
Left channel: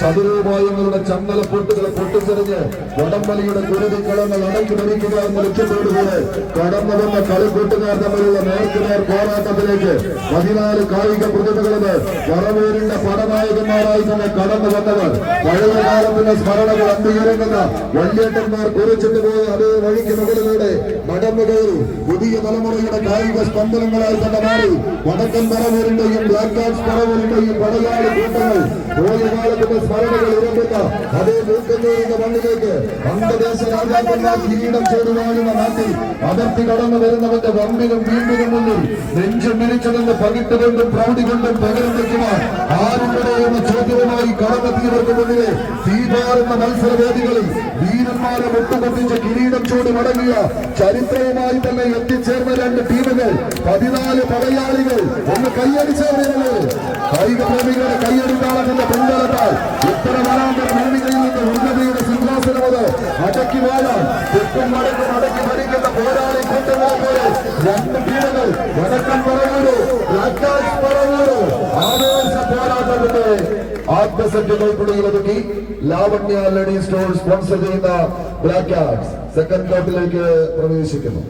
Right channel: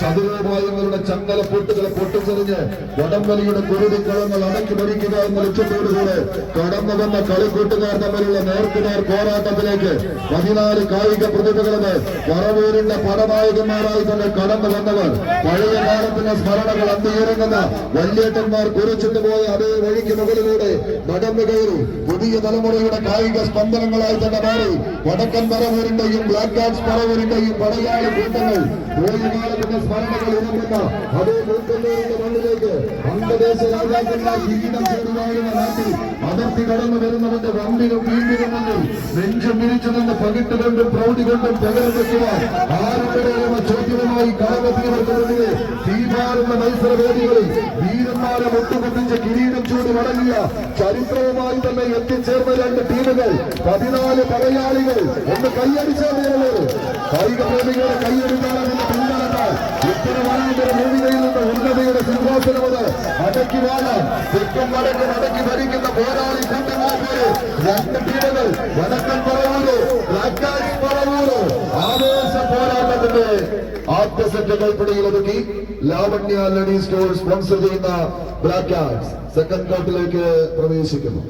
ചതുരോപായങ്ങളുടെ ചങ്ങല പൊട്ടുകളെ പൊട്ടിച്ചെറിഞ്ഞ് വടംവലിയുടെ കുരുതി കളങ്ങൾ അടക്കി ഭരിക്കുക എന്ന ലക്ഷ്യത്തോടുകൂടെ കടന്നു വന്ന കളിക്കൂട്ടുകാർ തമ്മിലുള്ള നേർക്കുനേർ പോരാട്ടത്തിലേക്ക് 14 കായിക പ്രതിഭകളത് പറവൂരിന്റെ പടനായകന്മാരായി തന്നെ കടന്നു വന്നവർ പഴയ കാലത്തിന്റെ സ്മരണകൾ അന്തിയിറങ്ങുന്ന വല്യേട്ടന്മാർ കുറിച്ചിട്ട് പോയ അതേ വഴിക്ക് മുകളിലൂടെ നടന്നു കയറി പുതിയ തലമുറയുടെ കായിക സ്പന്ദനങ്ങളായി തന്നെ മാറി വടക്കൻ പറവൂരിന്റെയും ബ്ലാക്ക് ക്യാറ്റ്സ് പറവൂരിന്റെയും പടയാളി കൂട്ടങ്ങൾ പോയ കാലത്തിന്റെ സ്മരണകൾ ഉറങ്ങുന്ന അതേ മൂക്കന്നൂരിന്റെ മണ്ണിലേക്ക് അംഗദേശ രാജാക്കന്മാർ കിരീടം ചേടി വാഴുന്ന നാട്ടിൽ അതിർത്തി കടന്നു വരുന്നവന്റെ വമ്പിനും വീമ്പിനും മുന്നിൽ നെഞ്ചും വിരിച്ചു നിന്ന് പകിട്ടുകൊണ്ടും പ്രൗഢി കൊണ്ടും പകരം വയ്ക്കുവാൻ ആരുടെ എന്ന ചോദ്യവുമായി കടന്നെത്തിയവർക്ക് മുന്നിലെ തീപാറുന്ന മത്സരവേദികളിൽ വീരന്മാരെ മുട്ടുമുട്ടിച്ച് കിരീടം ചൂടി മടങ്ങിയ ചരിത്രവുമായി തന്നെ എത്തിച്ചേർന്ന 2 ടീമുകൾ 14 പടയാളികൾ ഒന്ന് കൈയടിച്ചേർന്നത് കായിക പ്രേമികളുടെ കൈയടിക്കാമെന്ന പിൻബലത്താൽ ഇത്തര വരാന്തര ഭൂമികയിൽ നിന്ന് ഉന്നതയുടെ സിംഹാസനമത് അടക്കി വാഴാൻ തെക്കും വടക്കും അടക്കി ഭരിക്കുന്ന പോരാളി കൂട്ടങ്ങളെ പോലെ 2 ടീമുകൾ വടക്കൻ പറവൂര് ബ്ലാക്ക് ക്യാറ്റ്സ് പറവൂര് ആവേശ പോരാട്ടത്തിന്റെ ആദ്യ സെറ്റ് കൈപ്പിടിയിൽ ഒതുക്കി ലാവണ്യ ലേഡീസ് ടൂൾസ് സ്പോൺസർ ചെയ്യുന്ന ബ്ലാക്ക് ക്യാറ്റ്സ് സെക്കൻഡ് കോർട്ടിലേക്ക് പ്രവേശിക്കുന്നു.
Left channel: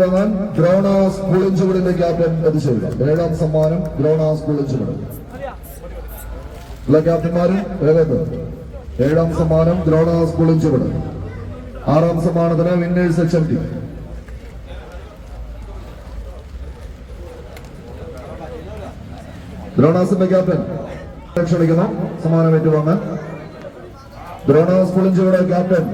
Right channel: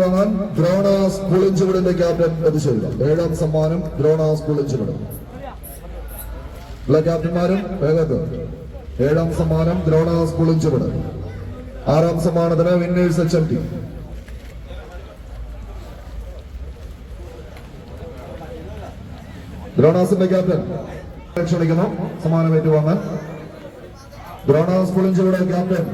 വാങ്ങാൻ ദ്രോണാസ് പുളിഞ്ചുവിടിന്റെ ക്യാപ്റ്റൻ എത്തിച്ചേരുക. 7ാം സമ്മാനം ദ്രോണാസ് പുളിഞ്ചുവിട്. എല്ലാ ക്യാപ്റ്റന്മാരും വേഗത്ത്. 7ാം സമ്മാനം ദ്രോണാസ് പുളിഞ്ചുവിട്. 6ാം സമ്മാനത്തിന് വിന്നേഴ്സ് HMT. ദ്രോണാസിന്റെ ക്യാപ്റ്റൻ ക്ഷണിക്കുന്നു സമ്മാനം ഏറ്റുവാങ്ങാൻ. ദ്രോണാസ് പുളിഞ്ചുവിട് ക്യാപ്റ്റൻ.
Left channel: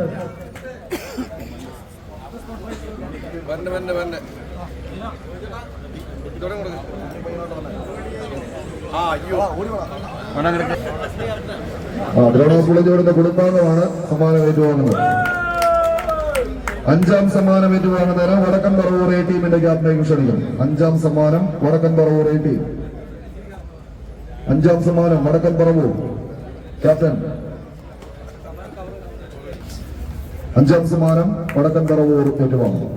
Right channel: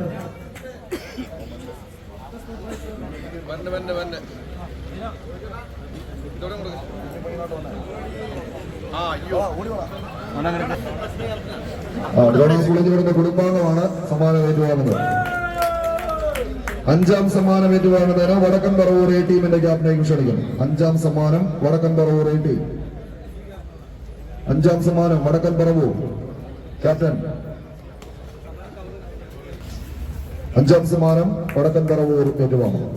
ദ്രോണാസ് പുളിഞ്ചുവിടിന്റെ കുടുംബാംഗമാണ് സമ്മാനം ഏറ്റുവാങ്ങുന്നത്. 5ാം സമ്മാനം ഏറ്റുവാങ്ങുന്നതിന് വടക്കൻ പറവൂർ A ടീമിന്റെ ക്യാപ്റ്റനെയും ക്ഷണിക്കുന്നു. 5ാം സമ്മാനം വടക്കൻ പറവൂർ A ടീം. 5ാം സമ്മാനം വടക്കൻ പറവൂർ ക്യാപ്റ്റൻ. 5ാം സമ്മാനം വടക്കൻ പറവൂർ ഏറ്റുവാങ്ങുന്നു.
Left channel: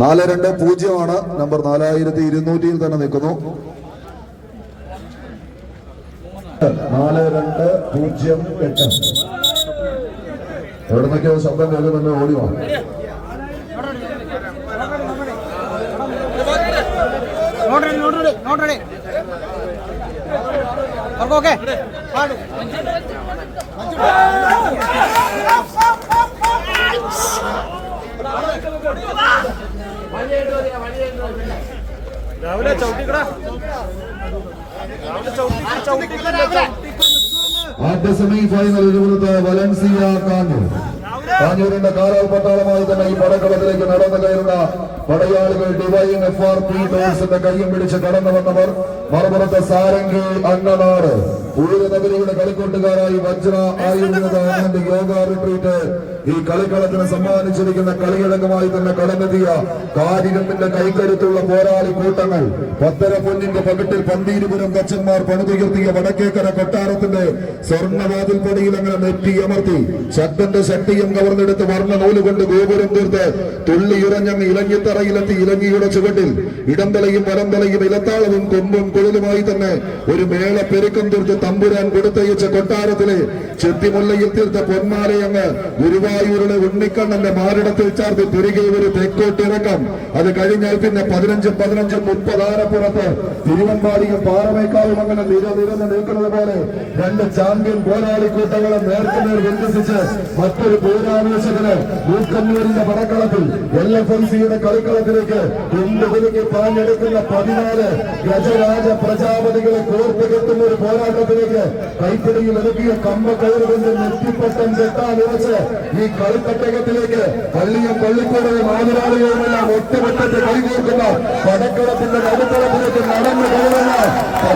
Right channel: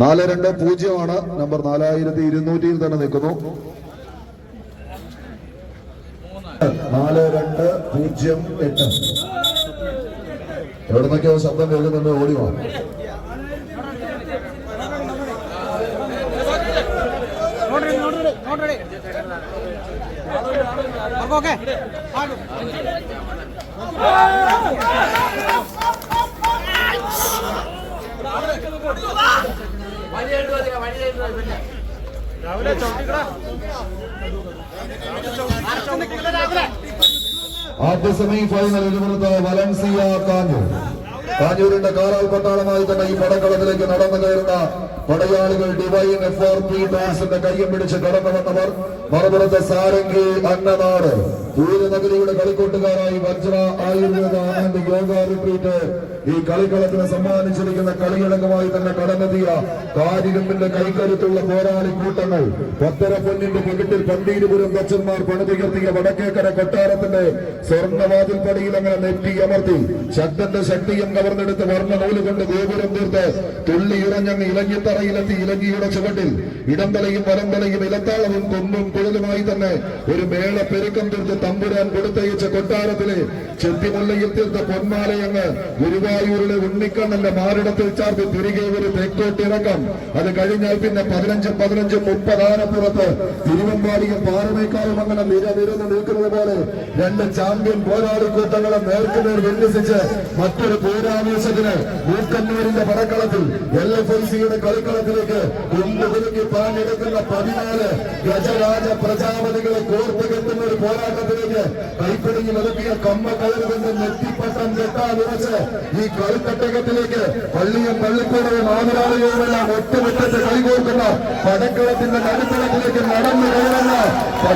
നാല് 2-0 നമ്പർ 4200 തന്നെ നിൽക്കുന്നു. 4208. എവിടെ നിന്നൊക്കെയോ ശബ്ദം കേൾക്കുന്നുണ്ട്, ഓടിയോ? ആദ്യ സെമി ഫൈനൽ വലൻസിയ കാഞ്ഞൂർ. കാഞ്ഞൂരിന്റെ കാരാൽ പട്ടാളമായി തന്നെ ഈ പടക്കളത്തിലേക്ക് നടന്നു കയറുന്ന പടയാളികൾ ഡിവൈൻ FRP ടോൾസിന്റെ കയ്യും പിടിച്ച് കടന്നു വന്നവർ. മറുപുറത്ത് സാരംഗി അന്നനാട് പൂരനഗരിയുടെ കളിക്കൂട്ടുകാരായി വജ്ര ആയുർവേദ ആൻഡ് യോഗ റിട്രീറ്റ് ഈ കളിക്കളത്തിന് സമ്മാനിച്ചിരിക്കുന്ന കളിയിളകമായി തന്നെ കടന്നെത്തിയ കാരികത്തിന്റെ കൈക്കരുത്തുള്ള പോരാളി കൂട്ടങ്ങൾ. 10 പൊന്നിന്റെ പകിട്ടിൽ പന്തീരുപുരം കച്ചന്മാർ പണിതുയർത്തിയ വടക്കേക്കര കൊട്ടാരത്തിന്റെ സ്വർണ്ണവാതിൽ പടിയിൽ അങ്ങനെ നെറ്റിയമർത്തി ശക്തന്റെ ശക്തിയും കവർന്നെടുത്ത് വർണ്ണ നൂലുകൊണ്ട് ഗോപുരം തീർത്ത് തുള്ളിയുറഞ്ഞങ്ങ് ഇലങ്ങിത്തറയിലെത്തി ഇലങ്ങിയുടെ ചുവട്ടിൽ ഇടംതലയും വലംതലയും ഇലത്താളവും കൊമ്പും പൊഴലുമായി തന്നെ ഒരു മേള പെരുക്കം തീർത്ത് തമ്പുരാൻ കൊടുത്തയച്ച കൊട്ടാരത്തിലെ ചെത്തിമുല്ലയിൽ തീർത്ത പൊന്മാലയങ്ങ് ഗുരുവായൂരിലെ ഉണ്ണിക്കണ്ണന്റെ മാറിടത്തിൽ ചാർത്തി തിരികെ ഒരു തെക്കോട്ടിറക്കം. അത് കഴിഞ്ഞാൽ പിന്നെ 15-15 ആനപ്പുറത്ത് തിരുവമ്പാടിയും പാറമേക്കാവും അങ്ങനെ നിരനിരന്ന് നിൽക്കുന്നത് പോലെ രണ്ട് ചാമ്പ്യൻ പോരാളിക്കൂട്ടങ്ങളെ നേർക്കുനേർ വിന്യസിച്ച് മറ്റൊരു പൂരാവേശത്തിന് മൂക്കന്നൂരിന്റെ പടക്കളത്തിൽ LFIC-യുടെ കളിക്കളത്തിലേക്ക് കുണ്ടുകുലുക്കി താഞ്ഞെടുക്കുന്ന 14 ഗജരാജ പ്രജാപതികളെ കോർത്ത് കെട്ടുന്ന ഒരു പോരാട്ടത്തിലേക്ക് കൈപ്പിടിയിൽ ഒതുക്കിയ കമ്പക്കയറുകൊണ്ട് നെറ്റിപ്പട്ടം കെട്ടാനുറച്ച് ഈ കളിത്തട്ടകത്തിലേക്ക് പള്ളിയും പള്ളിക്കൂടവും ആതിരാളികളുമെല്ലാം ഒറ്റമുറ്റത്ത് കളികോർക്കുന്ന പടക്കളത്തിന്റെ നടുക്കളത്തിലേക്ക് നടന്നു കയറുന്ന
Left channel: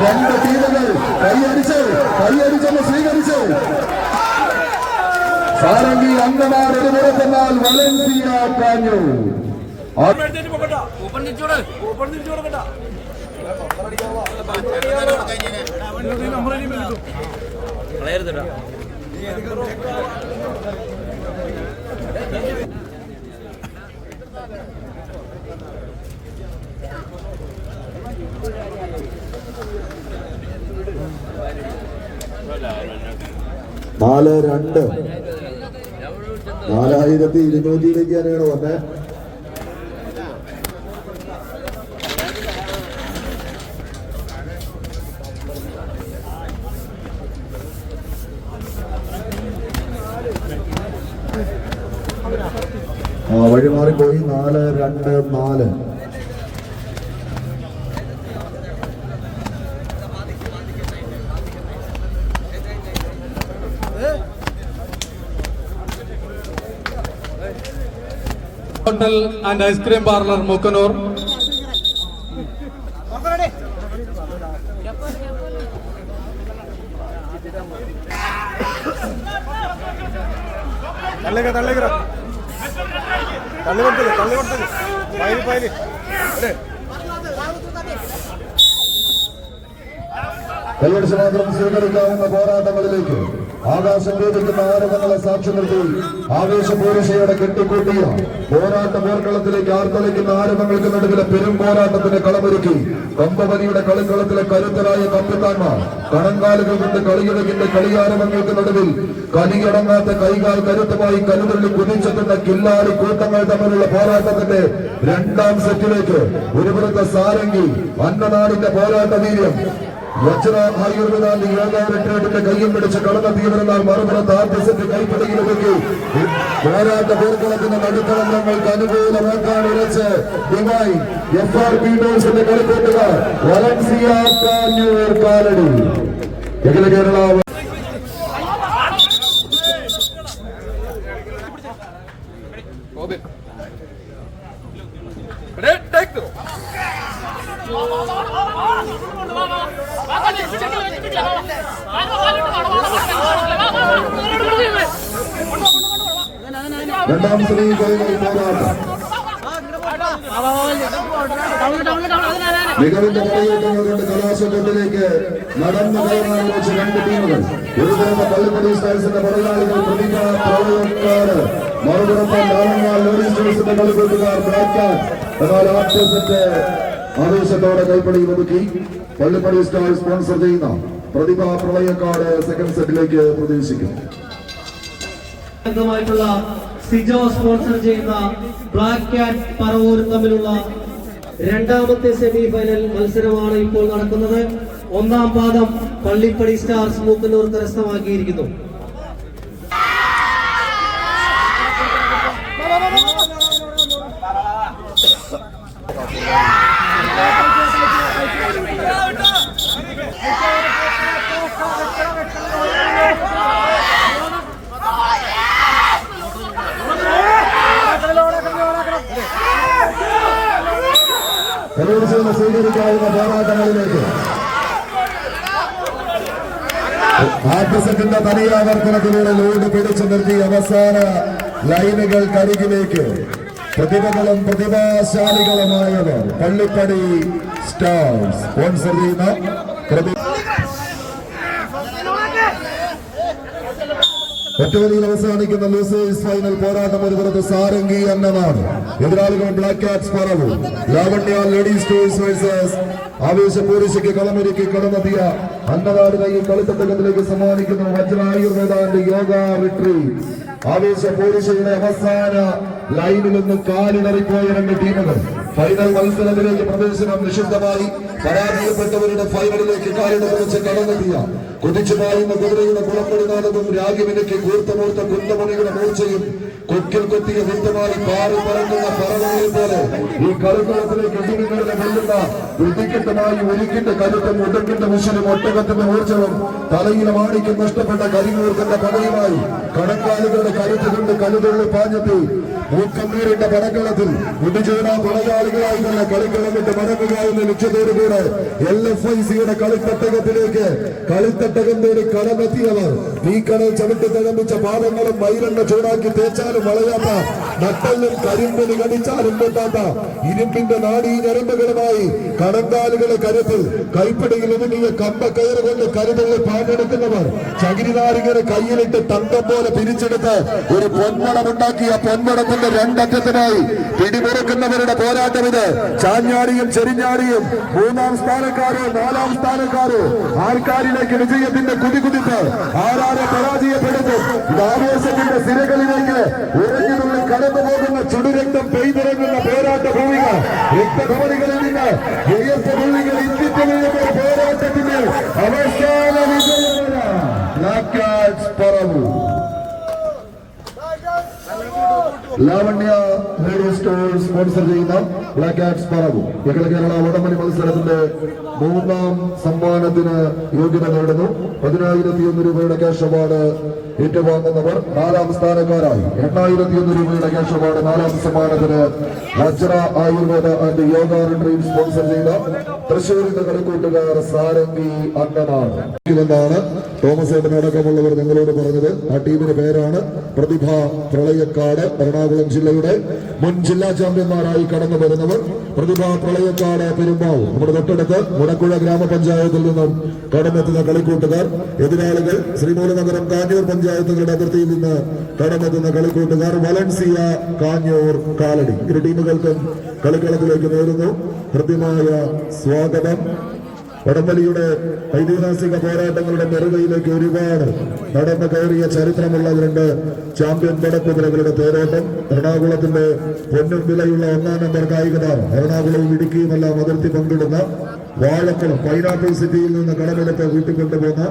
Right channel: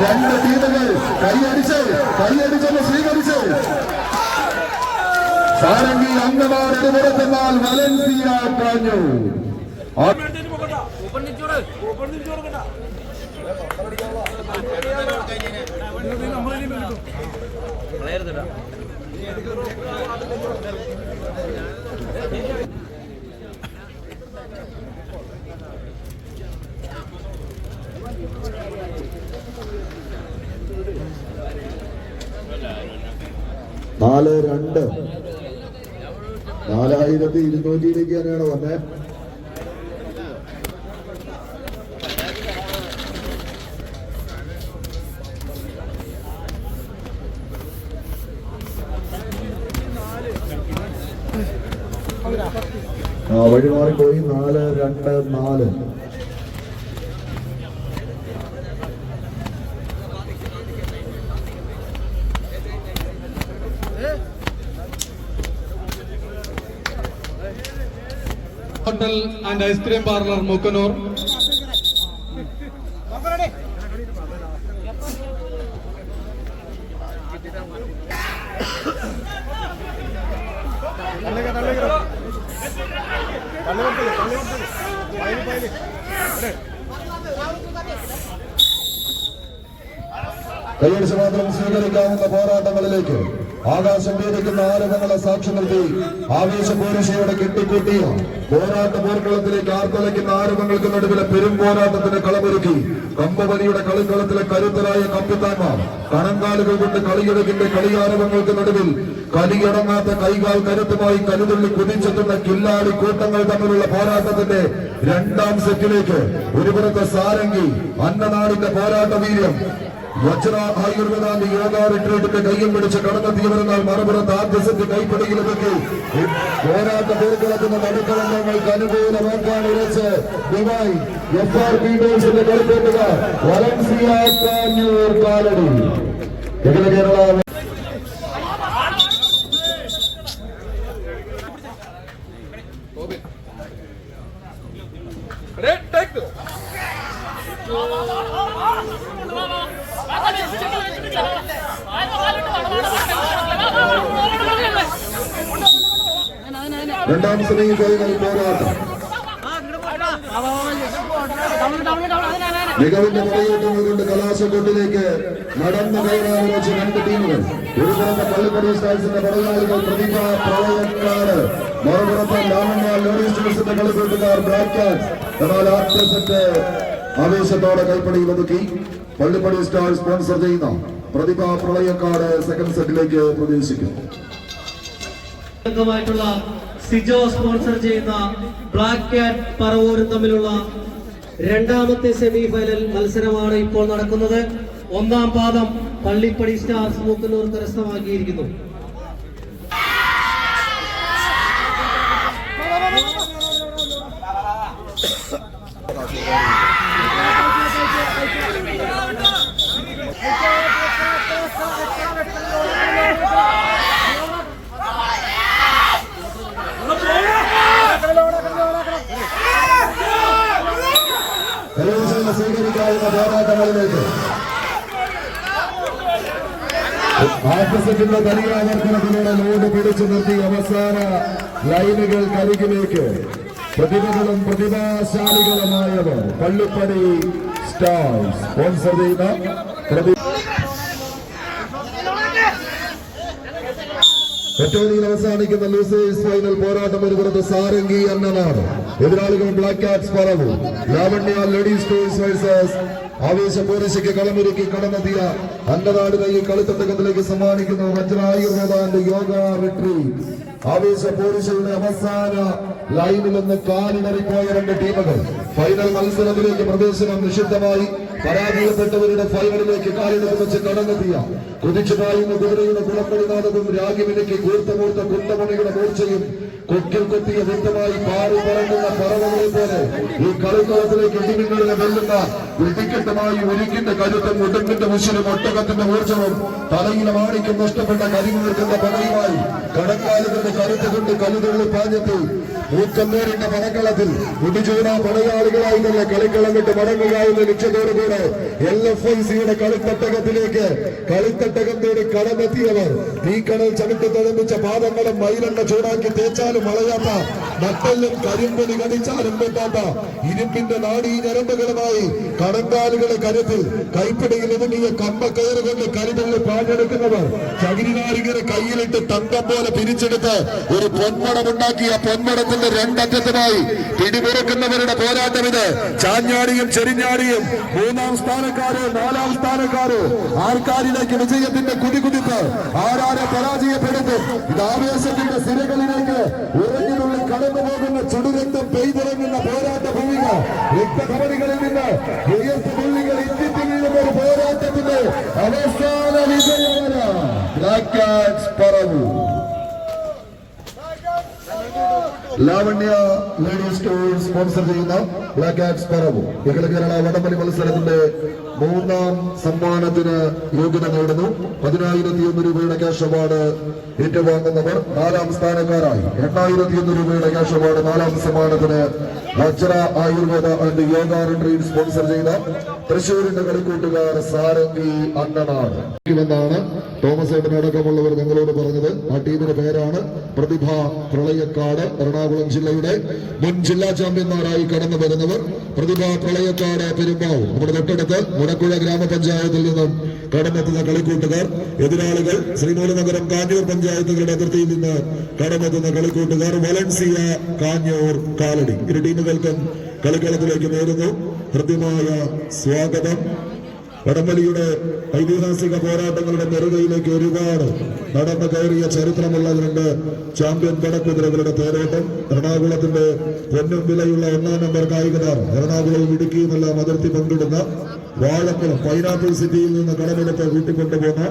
രണ്ട് ടീമുകൾ കൈയടിച്ചെന്ന് സ്വീകരിച്ചു. സാരംഗി അംഗമാർ എടുപുറത്തെന്നാൽ വലൻസിയ കാഞ്ഞു. നാല് 4200 തന്നെയാണ് വന്നേ. വഴിമാറിപ്പോയി 4-2-4. Hotel and ice cream parlour Mookkannoor. കൈയടിച്ച് മാത്രം സ്വീകരിക്കാവുന്ന പോരാട്ടങ്ങളിലേക്ക് ആകാശം വേദിക്കുന്ന ആരവങ്ങളെ സാക്ഷി നിർത്തി ആവേശപൂരുഷയോടെ കെട്ടിക്കൂട്ടിയ പോരാട്ട പോർക്കളത്തിലേക്ക് ആർത്തലയ്ക്കുന്ന ആരവങ്ങൾക്ക് നടുവിലെ പെരും പോരാട്ടത്തിന് കളമൊരുക്കി കമ്പവലിയുടെ കളിക്കളത്തിലെ കരുത്തരായ കപ്പിത്താന്മാർ കണങ്കാലുകൾ കൊണ്ട് കളിയിടകിന്റെ കളിയാരവങ്ങൾക്ക് നടുവിൽ കലിയടങ്ങാത്ത കൈകാൽ കരുത്തുമായി കരുതുള്ളി കുതിച്ചെത്തുന്ന കില്ലാടി കൂട്ടങ്ങൾ തമ്മിലുള്ള പോരാട്ടത്തിന്റെ രണ്ടാം സെറ്റിലേക്ക് ഒരുപുറത്തെ സാരംഗി അന്നനാടിന്റെ പോരാട്ട വീര്യം വജ്ര ആയുർവേദാന്തി യോഗ റിട്രീറ്റിന്റെ കയ്യും പിടിച്ച് കടന്നെത്തിയവരെന്നാൽ മറുപുറത്ത് ആദ്യ സെറ്റ് കൈപ്പിടിയിലേക്ക് പോരാട്ട പോർക്കളത്തിന്റെ നടുക്കളങ്ങൾക്ക് അനുകൂലമാക്കാൻ ഉറച്ച് ദുബായ് FRP ഡോഴ്സിന്റെ കളിക്കൂട്ടുകാർ വലൻസിയ കാഞ്ഞൂർ കാലടി. അഖില കേരള രണ്ടാം ശ്രീ പോരാട്ടം മികവിന്റെ പടയോട്ടങ്ങളുകൊണ്ട് കലാശക്കൊട്ടിലേക്ക് നടന്നു കയറാൻ വെച്ച് രണ്ട് ടീമുകൾ. ഒരുപുറത്തെ പള്ളിപ്പടി സ്റ്റാഴ്സിന്റെ പടയാളികൾ പ്രതിഭ പ്രളയക്കാര്, മറുപുറത്തെ നാമങ്ങാൽ ലേഡീസ് ടീംസിന്റെ കളിക്കൂട്ടുകാർ ബ്ലാക്ക്. എന്നാൽ ആദ്യ സെറ്റ് ആവേശത്തോടെ കൈപ്പടിയിൽ ഒതുക്കി പള്ളിപ്പടി സ്റ്റാർ സ്പോൺസർ ചെയ്യുന്ന പ്രതിഭ പ്രളയക്കാട് സെക്കൻഡ് സെറ്റിലേക്ക് പ്രവേശിക്കും. സിജോ സ്പോൺസർ ചെയ്യുന്ന ബ്ലാക്ക് ക്യാറ്റ് പറവൂർ തമ്മിലുള്ള രണ്ടാമത്തെ സെമി ഫൈനൽ മത്സരമാണ് ഇപ്പോൾ നടക്കുന്നത്. ഒന്നാം പാദം പള്ളിപ്പടി സ്റ്റാർസ് മൂക്കന്നൂർ കരസ്ഥമാക്കിയിരിക്കുന്നു. സ്വീകരിക്കാവുന്ന പോരാട്ടങ്ങളിലേക്ക് ആർട്ടിസത്തിന്റെ തനിയാവർത്തനത്തിലൂടെ ലോഡ് പിടിച്ചു നിർത്തി അവസാന ലൈനുകൾക്കരികിലേക്ക് പ്രതിഭകളും പ്രതിഭാശാലികളുമായവർ പള്ളിപ്പടി സ്റ്റാർസ് സ്പോൺസർ ചെയ്യുന്ന ഒറ്റവലിയിൽ അവസാനിക്കുന്ന ലൂസേഴ്സ് ഫൈനൽ പോരാട്ടം ഒരു പുറത്ത് സാരംഗി അന്നനാട്, എതിരാളികൾ ബ്ലാക്ക് ക്യാറ്റ്സ് പറവൂർ. ലാവണ്യ ലേഡീസ് ടൂഴ്സ് വേഴ്സസ് ആവേശ പോലീശയ്ക്ക് കളമൊരുക്കി കടന്നെത്തിയ അന്നനാടിനെ ഈ കളിത്തട്ടകത്തിലേക്ക് സമ്മാനിക്കുന്ന വജ്രായുർവേദാന്റെ യോഗ റിട്രീറ്റ്. ആവേശ പോലീശയുടെ അവസാന ലൈനിൽ നിന്ന് കാലിടറിപ്പോയ രണ്ട് ടീമുകൾ ഫൈനൽ മത്സരത്തിലേക്ക് പ്രവേശനം നിഷിദ്ധമായി പരാജയപ്പെട്ടവരുടെ ഫൈനലിലേക്ക് കാലിടറി വെച്ച് കടന്നെത്തിയ കുതിച്ചുപായുന്ന കുതിരയുടെ കുളപ്പടിനാഥവും രാഗിവിലയ്ക്ക് കൂർത്തമൂർത്ത കുന്തമണിയുടെ മൂർച്ചയും കൊക്കിൽ കൊത്തിയ വ്യക്തമായി പാറി പറങ്ങുന്ന പറവകളെ പോലെ ഈ കളിക്കളത്തിലേക്ക് ഇടിമിന്നലിനെ വെല്ലുന്ന വെടിക്കെട്ടുമായി ഒരുക്കിന്റെ കരുത്തും ഉടുക്കിന്റെ മുഷിലും ഒട്ടകത്തിന്റെ ഊർജവും തലയിലെ മാണിക്കും നഷ്ടപ്പെട്ട കരിമൂർക്കന്റെ പകയുമായി കടക്കാലുകളുടെ കരുത്ത് കൊണ്ട് കലുതുള്ളി പാഞ്ഞെത്തി മൂക്കമ്മീരിന്റെ പടക്കളത്തിൽ മുടിചൂട പടയാളികളായി തന്നെ കളിക്കളം വിട്ട് മടങ്ങുക എന്ന ലക്ഷ്യത്തോടുകൂടെ LFICയുടെ കളിത്തട്ടകത്തിലേക്ക് കളിത്തട്ടകം തേടി കടമെത്തിയവർ തീക്കടൽ ചവിട്ടി തിഴമ്പിച്ച പാദങ്ങളും മയിലെണ്ണ ചൂടാക്കി തേച്ചാലും വളയാത്ത നട്ടലും കരിമ്പിന് കടിച്ചാലും പൊട്ടാത്ത ഇരുമ്പിന്റെ നാടീ ഞരമ്പുകളുമായി കടങ്കാലുകളെ കരുത്തിൽ കൈപ്പിടിയിൽ ഒതുങ്ങിയ കമ്പക്കയറ് കൊണ്ട് കരുതുള്ള പാഞ്ഞെടുക്കുന്നവർ ചകിരിനാരികരെ കയ്യിലിട്ട് തങ്കം പോലെ പിരിച്ചെടുത്ത് ഒരു പൊന്മടമുണ്ടാക്കിയ പൊന്മടത്തിന്റെ രണ്ടറ്റത്തിനായി പിടിമുറുക്കുന്നവരുടെ പോരാട്ടം ഇത്. ചാഞ്ഞാടിയും ചെരിഞ്ഞാടിയും മൂന്നാം സ്ഥാനക്കാരോ നാലാം സ്ഥാനക്കാരോ ആർക്കാരിലേക്ക് വിജയത്തിന്റെ കുതികുതിപ്പ് ആരാരെ പരാജയപ്പെടുത്തും. ഇത് ആവേശത്തിന്റെ സിരകളിലേക്ക് ഉറഞ്ഞുതുള്ളി കടന്നു പോകുന്ന ചുടുരക്തം പെയ്തിറങ്ങുന്ന പോരാട്ട ഭൂമിക. രക്തഭവനികളിൽ നിന്ന് ഉയർത്ത ഭൂമികൾ ഇന്ത്യക്ക് വീഴുന്ന ഒരു പോരാട്ടത്തിന്റെ അവസാന വിജയമാണ് ബ്ലാക്ക് ക്യാറ്റ്സ് പറവൂർ. ലാവണ്യ ലേഡീസ് ടൂർ സ്പോൺസർ ചെയ്യുന്ന ബ്ലാക്ക് ക്യാറ്റ്സ് പറവൂർ അഖില കേരള വടംവലി മത്സരത്തിന്റെ മൂന്നാം സമ്മാനത്തിന് യോഗ്യത നേടുന്നു. 10,100 രൂപയുടെ ക്യാഷ് അവാർഡ് ഏറ്റുവാങ്ങുന്നവർ നാലാം സ്ഥാനക്കാരായി 8,100 രൂപയുടെ ക്യാഷ് അവാർഡ് നാലാം സമ്മാനത്തിന് Vajra Ayurveda and yoga retreat sponsor ചെയ്ത തൃശ്ശൂരിന്റെ കളിക്കൂട്ടുകാർ സാരംഗി അന്നനാട് എന്നാണ് തോമസ് ഏട്ടനടക്കമുള്ളവർ ഞങ്ങളോട് പറഞ്ഞത്. ആ ടീമിന്റെ പേരാണ് പ്രതിഭ പ്രളയക്കാട്. എറണാകുളം ജില്ലയുടെ മുൻ ജില്ലാ ചാമ്പ്യന്മാരായി കടന്നു വരുന്നവർ പ്രതിഭ പ്രളയക്കാട് പെരുമ്പാവൂർ. നമ്മുടെ തൊട്ടടുത്ത് മുടക്കുഴ ഗ്രാമപഞ്ചായത്തിൽ നിന്നും കടന്നെത്തുന്ന കളിക്കൂട്ടുകാർ. എതിരാളികൾ ശ്രീമൂലനഗരം കാഞ്ഞൂർ പഞ്ചായത്തുകളുടെ അതിർത്തിയിൽ നിന്ന് കടന്നെത്തുന്ന കളിക്കൂട്ടുകാർ വലൻസിയ കാഞ്ഞൂർ കാലടി. ഇരു ടീമുകൾക്കും കളിക്കളത്തിലേക്ക് നേരുന്നു കൃത്യമായ സ്വാഗതം. വടംവലിയുടെ ഐതിഹാസിക പോരാട്ടങ്ങളുടെ നെറുകയിലേക്ക് ഒരുപാട് നടന്നു കയറിയ ചരിത്രമുള്ള രണ്ട് ചാമ്പ്യൻ പടക്കുതിരകളുടെ തേരോട്ടം. എറണാകുളത്തിന്റെ പൊന്നും വിലയുള്ള 1-ാം നമ്പർ കായിക താരം എറണാകുളവും ഇടുക്കിയുമെല്ലാം അതിർത്തി പങ്കിടുന്ന വാഴക്കുളം പൈനാപ്പിൾ സിറ്റിയിൽ നിന്ന് കടമെടുത്ത് കൂട്ടിക്കൊണ്ടുപോകുന്ന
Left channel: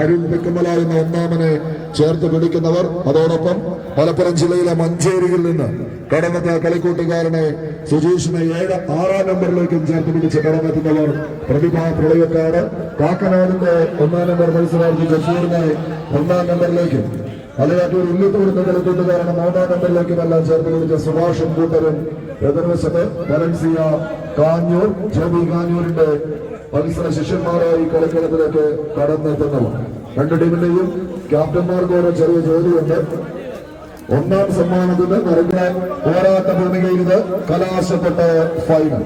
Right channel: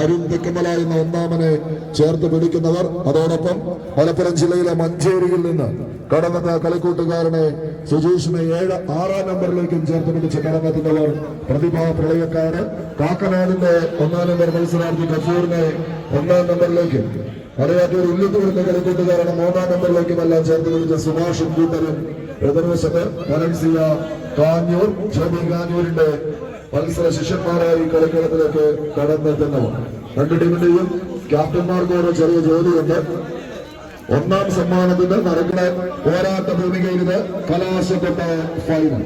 അരുൺ തെക്കുമല എന്ന ഒന്നാമനെ ചേർത്ത് പിടിക്കുന്നവർ. അതോടൊപ്പം മലപ്പുറം ജില്ലയിലെ മഞ്ചേരിയിൽ നിന്ന് കടന്നെത്ത കളിക്കൂട്ടുകാരനെ സുജീഷിനെ 6-ാം നമ്പറിലേക്കും ചേർത്ത് പിടിച്ച് കടന്നെത്തുന്നവർ പ്രതിഭ പ്രളയക്കാട്. കാക്കനാടിന്റെ 1-ാം നമ്പർ മത്സരാർത്ഥി ജസൂറിനെ 1-ാം നമ്പറിലേക്കും മലയാറ്റൂർ ഇല്ലത്തോടുന്ന കളിക്കൂട്ടുകാരനെ 3-ാം നമ്പറിലേക്കും എല്ലാം ചേർത്ത് പിടിച്ച സുഭാഷും കൂട്ടരും. എതിർവശത്ത് വലൻസിയ കാഞ്ഞൂർ ജമി കാഞ്ഞൂരിന്റെ മത്സര ശിഷ്യന്മാരായി കളിക്കളത്തിലേക്ക് കടന്നെത്തുന്നവർ. രണ്ട് ടീമിന്റെയും ക്യാപ്റ്റന്മാർക്ക് ഒരു ചെറിയ ജോലിയുണ്ട്. 1-ാം സമ്മാനത്തിന്റെ നടക്കുന്ന പോരാട്ട ഭൂമികയിൽ ഇത് കലാശപ്പെട്ട ഫൈനൽ.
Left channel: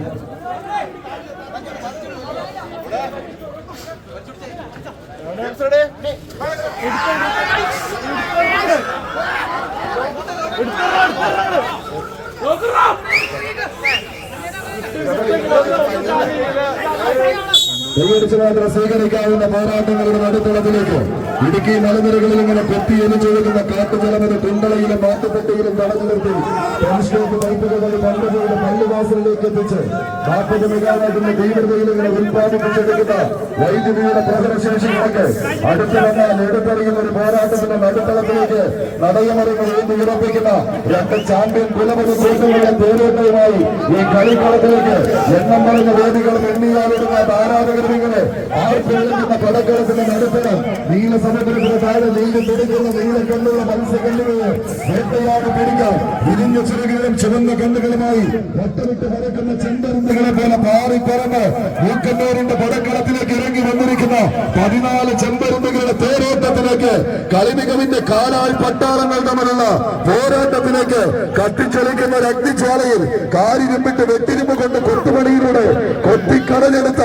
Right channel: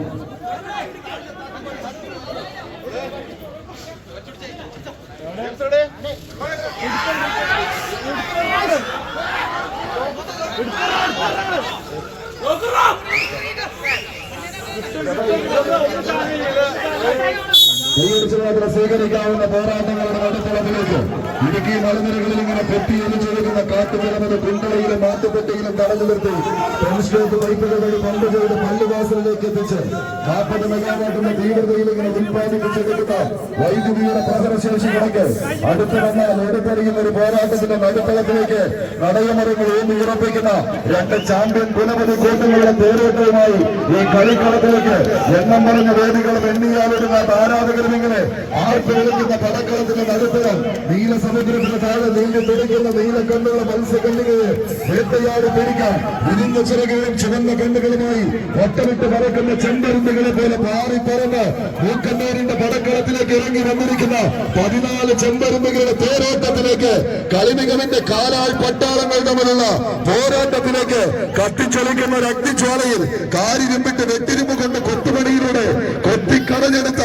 കൈയടിച്ച് മാത്രം സ്വീകരിക്കാവുന്ന പോരാട്ടങ്ങളുടെ നടുത്തളത്തിലേക്ക് ഇടുക്കി മലനിരകളിൽ ഇങ്ങനെ പൊത്തിയൊലിച്ചൊഴുകുന്ന കാട്ടുമലമെന്ന കുണ്ടളയിലും മാത്തുപെട്ടിയിലും തടഞ്ഞു നിർത്തി പെൻസ്റ്റോക്ക് പൈപ്പുകൾ വഴി പണ്ട് ചെയ്ത് പള്ളിവാസലിലേക്ക് എത്തിച്ച് 40 മെഗാവാട്ടിന്റെ തീവ്രതയിൽ ഇങ്ങനെ ഉത്പാദിപ്പിച്ചെടുക്കുന്ന വൈദ്യുതിയുടെ പ്രഹരശേഷി കണക്ക് അടുത്ത് വന്നാൽ എടുത്തെറിയുന്ന ഒരു പോരാട്ടത്തിന്റെ നടുത്തളത്തിലേക്ക് നടയമറികൾ ഊന്നി ഉറപ്പിക്കുന്ന രണ്ട് ചാമ്പ്യൻ പുലമതി കൂട്ടുകളുടെ തേരോട്ടവുമായി ഈ കളിക്കളത്തിലേക്ക് എണ്ണം പറഞ്ഞ വേദികളും എണ്ണിയാലിടുന്ന ആരാധകരും ഇങ്ങനെ ആർപ്പെഴുന്ന പടക്കളത്തിന്റെ നടുത്തരം നീലസമുദ്രത്തിന് താഴെ നീണ്ടു പിടിക്കുന്ന നീലക്കണ്ണുള്ള മത്സ്യക്കണ്ണുകളെ വേട്ടയാടി പിടിക്കാം. ഇരിഞ്ഞ ചിറകുകളും ചുവന്ന കണ്ണുകളുമായി ഒട്ടമിട്ട് പറക്കുന്ന ചെമ്പരുന്തുകളെ പോലെ പാറിപ്പറന്ന് മൂക്കന്നൂരിന്റെ പടക്കളത്തിലേക്ക് ഇറങ്ങി വന്നിരിക്കുന്ന 14 ചെമ്പരുന്തുകളുടെ തേരോട്ടത്തിലേക്ക് കളിമികവിന്റെ കാലാൽ പട്ടാളങ്ങൾ തമ്മിലുള്ള പോരാട്ടത്തിലേക്ക് കത്തിച്ചൊലിക്കുന്ന ഒരു അഗ്നിജ്വാലയിൽ കാരിരുമ്പിട്ട് വെട്ടിരുമ്പ് കൊണ്ട് കൊത്തുപണിയിലൂടെ കൊത്തിക്കടലെടുത്ത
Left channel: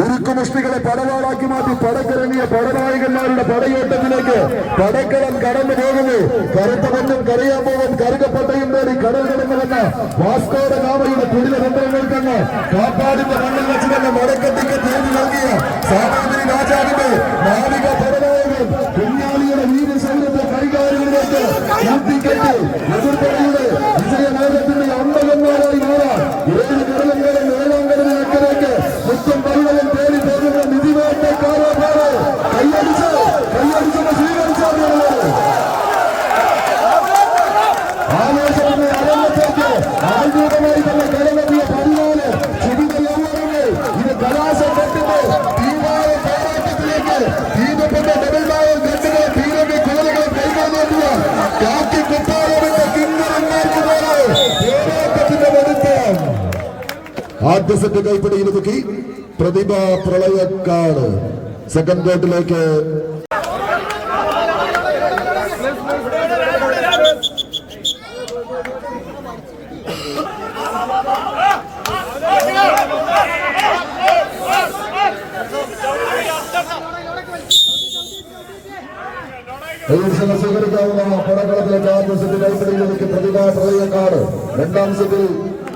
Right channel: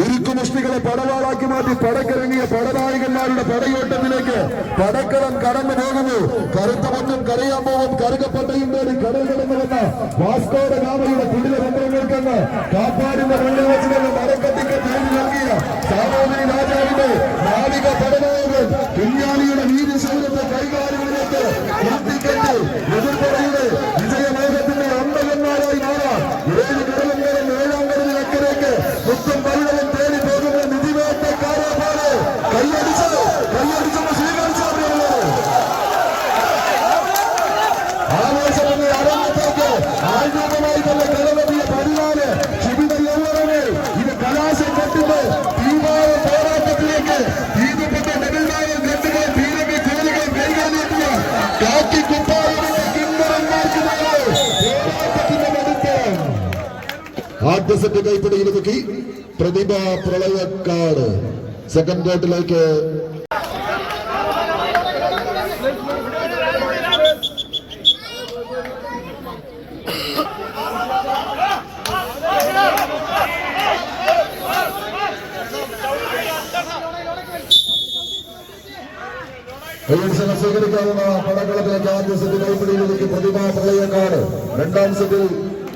ഉരുക്കുമുഷ്ടികളെ പടവാളാക്കി മാറ്റി പടക്കിറങ്ങിയ പടനായകന്മാരുടെ പടയോട്ടത്തിലേക്ക് പടക്കളം കടന്നു പോകുന്നു. കറുത്ത മഞ്ഞും കറിയാമ്പൂവും കറുകപ്പട്ടയും തേടി കടൽ കടന്നു വന്ന വാസ്കോഡ ഗാമയുടെ കുടില തന്ത്രങ്ങൾക്കെന്ന് കാപ്പാടിന്റെ മണ്ണിൽ വെച്ച് തന്നെ മടക്കത്തിക്ക് തീർന്നു നൽകിയ സാമൂതിരി രാജാവിന്റെ നാവിക പടനായകൻ കുഞ്ഞാലിയുടെ വീരശൈലത്തെ കൈകാര്യങ്ങളിലേക്ക് കൂട്ടിക്കെട്ടി എതിർപ്പടയുടെ വിജയമേഘത്തിന്റെ അമ്പകന്മാരായി മാറാൻ 7 കടലും കടന്ന് 7-ാം കടലിനക്കരയ്ക്ക് മുത്തും പള്ളവും തേടി പോകുന്ന നിധിനോട്ടക്കാരാണ്. കൈയടിച്ചോ സ്വീകരിച്ചറിയുള്ളൂ. ആവേശമെന്ന അരങ്ങത്തേക്ക് ആദ്യമായി തന്നെ കടമെത്തിയ 14 ചുമതലങ്ങൾ ഇത് കലാശപ്പെട്ടിട്ട് തീവായ പോരാട്ടത്തിലേക്ക് ദീപപ്പെട്ട ഡബിൾമാവും ഗണ്ടുകൾ തീരമി കോലുകൾ കൈകാര്യത്തിയ കാക്കി കുപ്പായമെന്ന കിണ്ണറങ്ങേൽക്കുന്നത് പോരാട്ടത്തിന്റെ വലുപ്പം. ആദ്യ സെറ്റ് കൈപ്പിടിയിൽ ഒതുക്കി പ്രതിഭ പ്രളയക്കാട് സെക്കൻഡ് കോർട്ടിലേക്ക് സ്വീകരിക്കാവുന്ന പടക്കളത്തിലേക്ക് ആദ്യ സെറ്റ് കൈപ്പിടിയിൽ ഒതുക്കി പ്രതിഭ പ്രളയക്കാട്. രണ്ടാം സെറ്റിൽ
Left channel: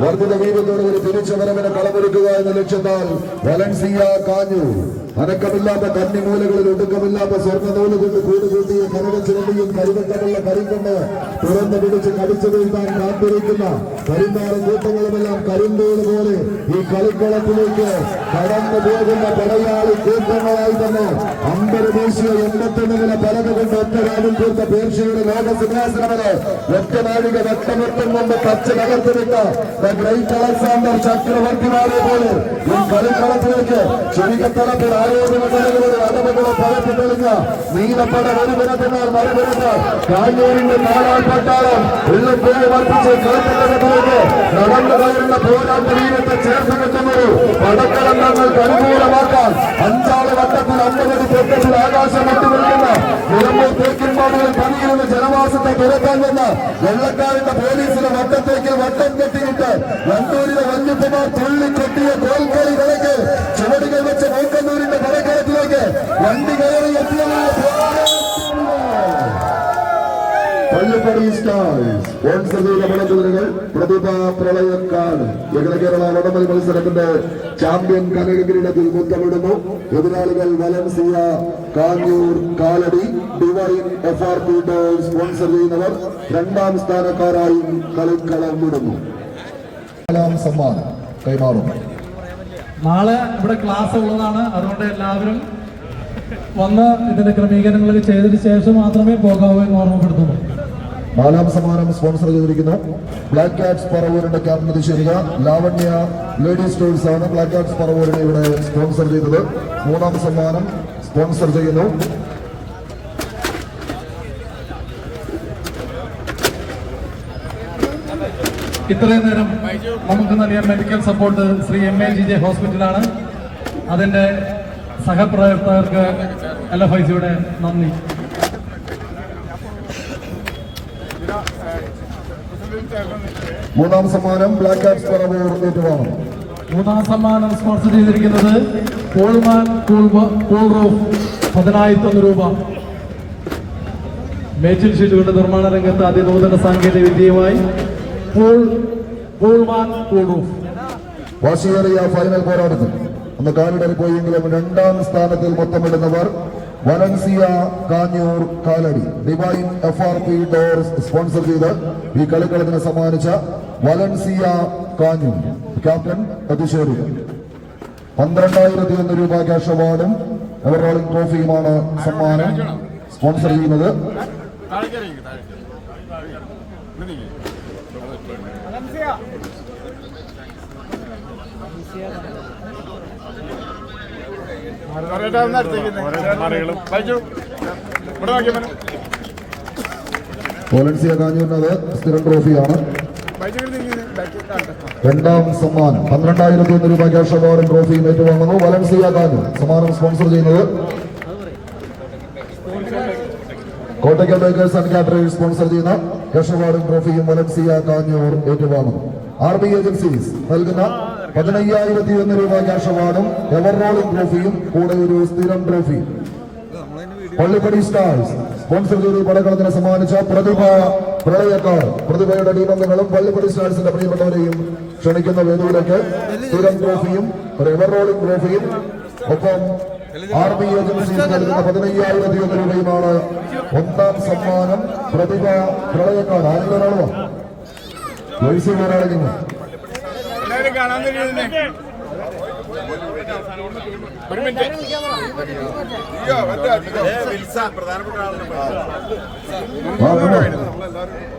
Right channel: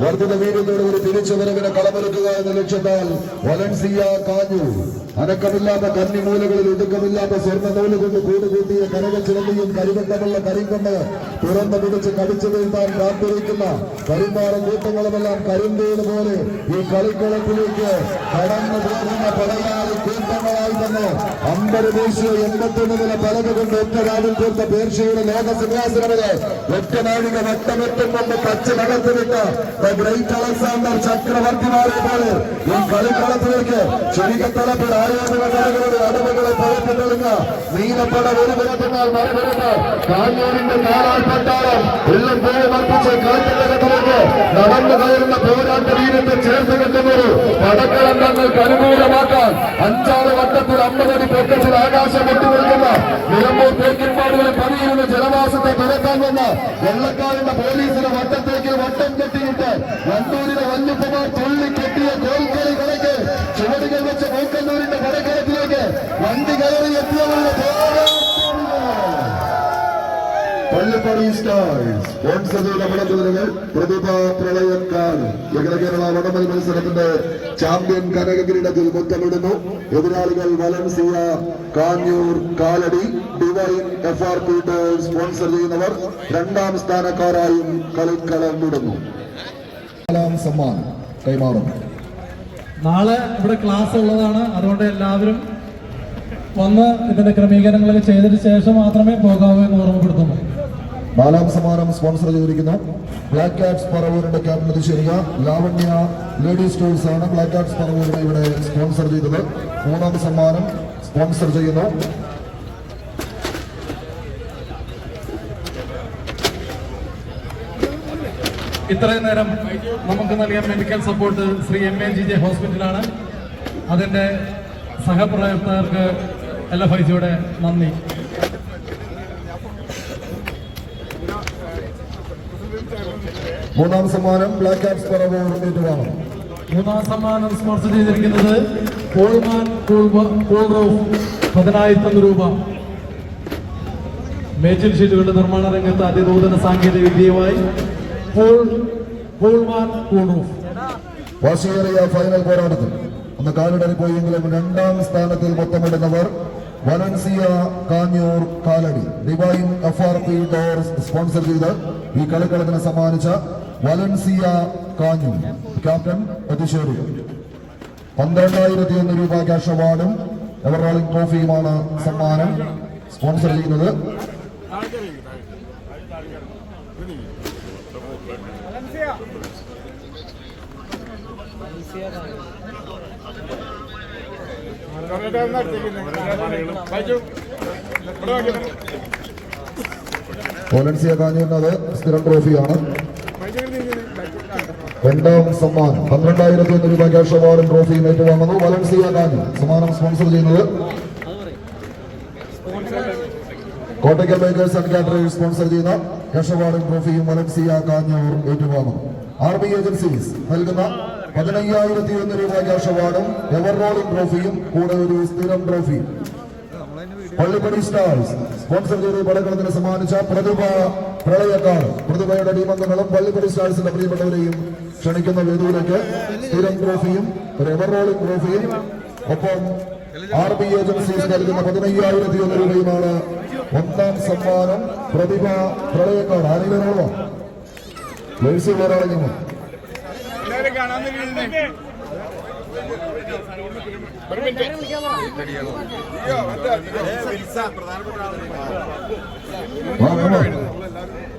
വർദ്ധിത വീര്യത്തോടെ ഒരു തിരിച്ചുവരവിനെ കളമൊരുക്കുക എന്ന ലക്ഷ്യത്താൽ വലൻസിയ കാഞ്ഞൂർ അനക്കമില്ലാത്ത കന്നിമൂലകളിൽ ഒടുക്കമില്ലാത്ത സ്വർണ്ണ നൂല് കൊണ്ട് കൂടുകൂട്ടിയ കനകച്ചിലമ്പിയും കരിവെട്ടമുള്ള കരിങ്കൊണ്ട് തുറന്നു പിടിച്ച് കടിച്ചു വീഴ്ത്താൻ കാത്തിരിക്കുന്ന കരിമാറും കൂട്ടങ്ങളുമെല്ലാം കരിന്തേന് പോലെ ഈ കളിക്കളത്തിലേക്ക് കടന്നു പോകുന്ന പടയാളി കൂട്ടങ്ങളായി തന്നെ അമ്പത് ദേശീയ 81 നില പലക കൊണ്ട് ഒറ്റ രാവിൽ തീർത്ത പേർഷ്യയുടെ ലോകസിംഹാസനവരെ ഒറ്റ നാഴിക വെട്ടമെത്തും കൊണ്ട് കച്ച് നകർത്തിവിട്ട് ഗ്രേറ്റ് അലക്സാണ്ടർ ചക്രവർത്തിമാരെ പോലെ ഈ കളിക്കളത്തിലേക്ക് ചെറിയത്തളപ്പിൽ ആരോപണ കളികളുടെ അടവുകളെ പകർത്തി തെളിഞ്ഞ നീലപ്പട ഒരു പുറത്തുന്നാൽ മറുപുറത്ത് കാഞ്ഞൂരിന്റെ കാലാൽപ്പെട്ടാലും എല്ലാം പേര് വർദ്ധിച്ച് കളിക്കളത്തിലേക്ക് നടന്നു കയറുന്ന പോരാട്ടീരത്തെ ചേർത്ത് വെക്കുന്നത് പടക്കളം ഞങ്ങൾക്ക് അനുകൂലമാക്കാൻ 5-ാം വട്ടത്തിൽ 50 അടി പൊക്കത്തിൽ ആകാശം വിട്ടുകൊടുക്കുന്ന നിലമ്പൂർ തേക്കിൻപാടുകളിൽ പണിയിരുന്ന ജനവാസത്തെ തുരത്താൻ വന്ന വെള്ളക്കാരന്റെ പോലീസിന്റെ വട്ടത്തേക്ക് വട്ടം കെട്ടിയിട്ട് വണ്ടൂരിലെ വല്യപ്പമാർ തുള്ളിക്കെട്ടിയ കോൽക്കളി കളിക്ക് ചുവടുകൾ വെച്ച മൂക്കന്നൂരിന്റെ പടക്കളത്തിലേക്ക് വണ്ടി കയറി എത്തിയവരുടെ പള്ളിപ്പടി സ്റ്റാർസ് സ്പോൺസർ ചെയ്ത പടക്കുതിരകൾ പ്രതിഭ പ്രളയക്കാട് അഖില കേരള വടംവലി മത്സരത്തിന്റെ ചാമ്പ്യൻ കനകകിരീടത്തിൽ മുത്തമിടുന്നു. എതിരാളികൾ Valencia Kanjoor Kalady divine FRP sponsor ചെയ്യുന്നവർ 2-ാം സ്ഥാനക്കാരായും കളിക്കളം വിടുന്നു. 4-ാം സമ്മാനം കൈമാറും. നാളെ ഇവിടെ ക്ലാസ് ഉള്ളതാണ്. അതുകൊണ്ട് എല്ലാവരും വന്ന് ഇതിന്റെ ക്രമീകരണങ്ങളൊക്കെ ചെയ്തതിനു ശേഷം മാത്രമേ പോകാവൂ എന്ന് ഓർമ്മപ്പെടുത്തുന്നു. 4-ാം സമ്മാനം സ്പോൺസർ ചെയ്തിരിക്കുന്നു ബ്ലാക്ക് കാറ്റ്സ് പറവൂരിന്റെ ക്യാപ്റ്റൻ ശരിക ലാവണ്യ ലേഡീസ് ടൂൾസ് ആണ് ബ്ലാക്ക് കാറ്റ്സ് പറവൂരിനെ ഇവിടെ സ്പോൺസർ ചെയ്തത്. 3-ാം സമ്മാനം സ്പോൺസർ ചെയ്യുന്നു ഇത്രയും നേരം നമുക്ക് നൽകിയ മെഡിക്കൽ സപ്പോർട്ട് ശ്രീ MAGJ ഹോസ്പിറ്റലാണ്. അതിന്റെ സഹപ്രവർത്തകർക്ക് LFICയുടെ നന്ദി. മൂന്നാം സമ്മാനം ബ്ലാക്ക് കാറ്റ്സ് പറവൂർ ഏറ്റുവാങ്ങും. 3-ാം സമ്മാനം സ്പോൺസർ ചെയ്തിരിക്കുന്നത് കോൾമാൻ കൂൾ റൂഫ് 10,000 രൂപ. മേച്ചിൽ ഷീറ്റുകളുടെ നിർമ്മാണ രംഗത്ത് അതിനൂതന സാങ്കേതിക വിദ്യയുമായി കോൾമാൻ കൂൾ റൂഫ്. വാശിയേറിയ ഫൈനൽ പോരാട്ടത്തിൽ ഒന്ന് കാലിടറി പോയെങ്കിലും 2-ാം സ്ഥാനത്തിൽ മൊത്തമിടുന്നവർ Valencia Kanjoor Kalady divine FRP doors sponsor ചെയ്ത് ഈ കളിക്കളത്തിന് സമ്മാനിച്ച വലൻസിയ കാഞ്ഞൂർ ക്യാപ്റ്റൻ അതിശേരി 12,001 രൂപ ക്യാഷ് അവാർഡും ഓവറോളിംഗ് ട്രോഫിയുമാണ് സമ്മാനം സ്പോൺസർ ചെയ്യുന്നത്. വലൻസിയ കാഞ്ഞൂരിനത് സ്ഥിരം ട്രോഫിയാണ്. 2-ാം സമ്മാനം 12,001 രൂപ ക്യാഷ് അവാർഡും ട്രോഫിയും ഏറ്റുവാങ്ങുന്നു. വലൻസിയ കാഞ്ഞൂർ സമ്മാനം സ്പോൺസർ ചെയ്യുന്നത് Kottakkal baker's and caterers sponsor ചെയ്യുന്ന ക്യാഷ് അവാർഡും ട്രോഫിയും വലൻസിയ കാഞ്ഞൂർ ഏറ്റുവാങ്ങുന്നു. RB ഏജൻസീസ് നൽകുന്ന 15,001 രൂപ ക്യാഷ് അവാർഡും എവർ റോളിംഗ് ട്രോഫിയും കൂടെ ഒരു സ്ഥിരം ട്രോഫിയും പള്ളിപ്പടി സ്റ്റാർസ് സ്പോൺസർ ചെയ്ത് പടക്കളത്തിന് സമ്മാനിച്ച പ്രതിഭ പ്രളയക്കാർ പ്രതിഭയുടെ ടീമംഗങ്ങളും പള്ളിപ്പടി സ്റ്റാർസിന്റെ പ്രിയപ്പെട്ടവരെയും ക്ഷണിക്കുന്ന വേദിയിലേക്ക് സ്ഥിരം ട്രോഫിയും ഒരു എവർ റോളിംഗ് ട്രോഫിയും ഒപ്പം ആർമി ഏജൻസീസ് നൽകുന്ന 15,001 രൂപയുമാണ് ഒന്നാം സമ്മാനം. പ്രതിഭ പ്രളയക്കാർ ആരെങ്കിലും ജേഴ്സി പോരാളിക്കുന്നു.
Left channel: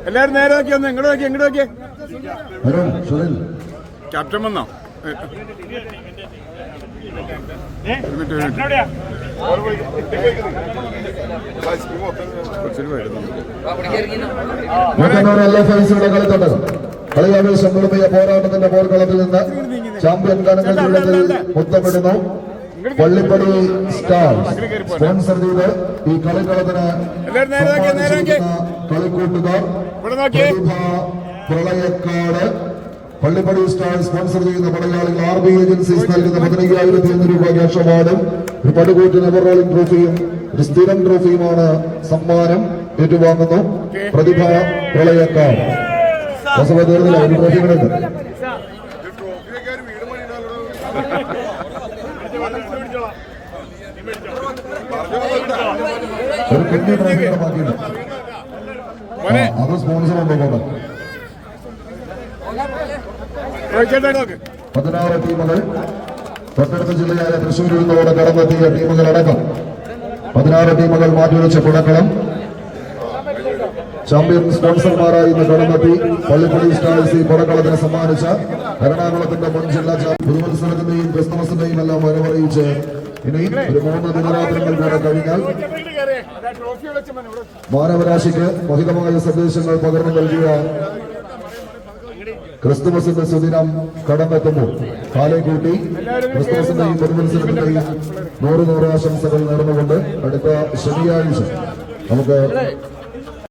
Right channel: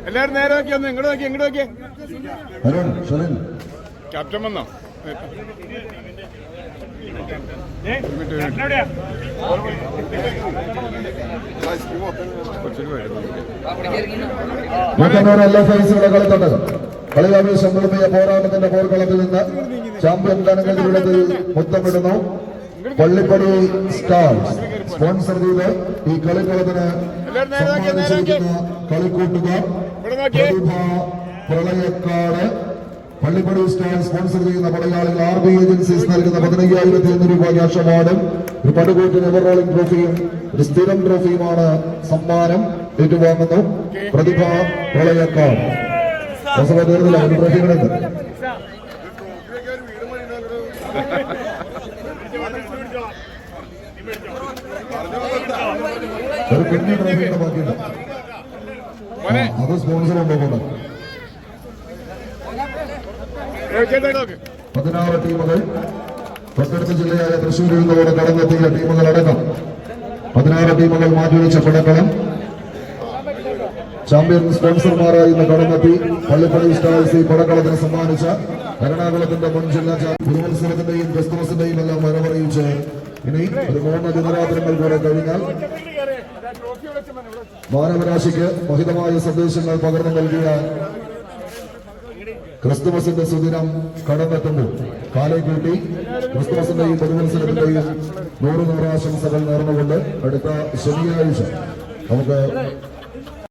എല്ലാരും നേരെ നോക്കിയാ ഇങ്ങോട്ട് നോക്കിയേ ക്യാപ്റ്റൻ വന്നോ കളിയാവേശം മുഴുമിയ പോരാട്ടത്തിന്റെ പോർക്കളത്തിൽ നിന്ന് ചാമ്പ്യൻ ഗണങ്ങൾ ജീവിതത്തിൽ മുത്തമിടുന്നു. പള്ളിപ്പടി സ്റ്റാർസ് സ്പോൺസർ ചെയ്ത് ഈ കളിക്കളത്തിന് കളിക്കൂട്ടുകാർ പ്രതിഭ പ്രളയക്കാട് പള്ളിപ്പടി സ്റ്റാർസ് സ്പോൺസർ ചെയ്യുന്ന പടയാളികൾ ആർമി ഏജൻസീസ് നൽകുന്ന 15,001 രൂപ ക്യാഷ് അവാർഡും ഒരു പടുകൂറ്റിന് എവർ റോളിംഗ് ട്രോഫിയും ഒരു സ്ഥിരം ട്രോഫിയുമാണ് സമ്മാനം ഏറ്റുവാങ്ങുന്നു. പ്രതിഭ പ്രളയക്കാട് ഒരു ട്രോഫികളുണ്ട്. ഒരു കുഞ്ഞു ട്രോഫിയുടെ ബാക്കിയുണ്ട്. അത് സ്പോൺസർ കൊണ്ടുപോകണം. 16 ടീമുകൾ തൊട്ടടുത്ത ജില്ലയായ തൃശ്ശൂരിൽ നിന്നോടെ കടന്നെത്തിയ ടീമുകളടക്കം 16 ടീമുകൾ മാറ്റിവെച്ച പുഴക്കളം ചാമ്പ്യൻ സ്പോൺസർമാരായി ഇന്ന് കടന്നെത്തി പള്ളിപ്പടി സ്റ്റാർസ് ഈ പുറക്കളത്തിന് സമ്മാനിച്ച എറണാകുളത്തിന്റെ മുൻ ജില്ലാ പുതുമത്സരത്തിന്റെയും ക്രിസ്തുമസിന്റെയും എല്ലാം വരവറിയിച്ച് ഇനി ഒരു 3 ദിനരാത്രങ്ങൾ കൂടെ കഴിഞ്ഞാൽ മാനവരാശിക്ക് മഹിതമായ സന്ദേശങ്ങൾ പകർന്നു നൽകിയ ക്രിസ്തുമസിന്റെ സുദിനം കടന്നെത്തുമ്പോൾ കാലേ കൂട്ടി ക്രിസ്തുമസിന്റെയും പുതുമത്സരത്തിന്റെയും 100 ആശംസകൾ നേർന്നുകൊണ്ട് അടുത്ത ശനിയാഴ്ച നമുക്ക്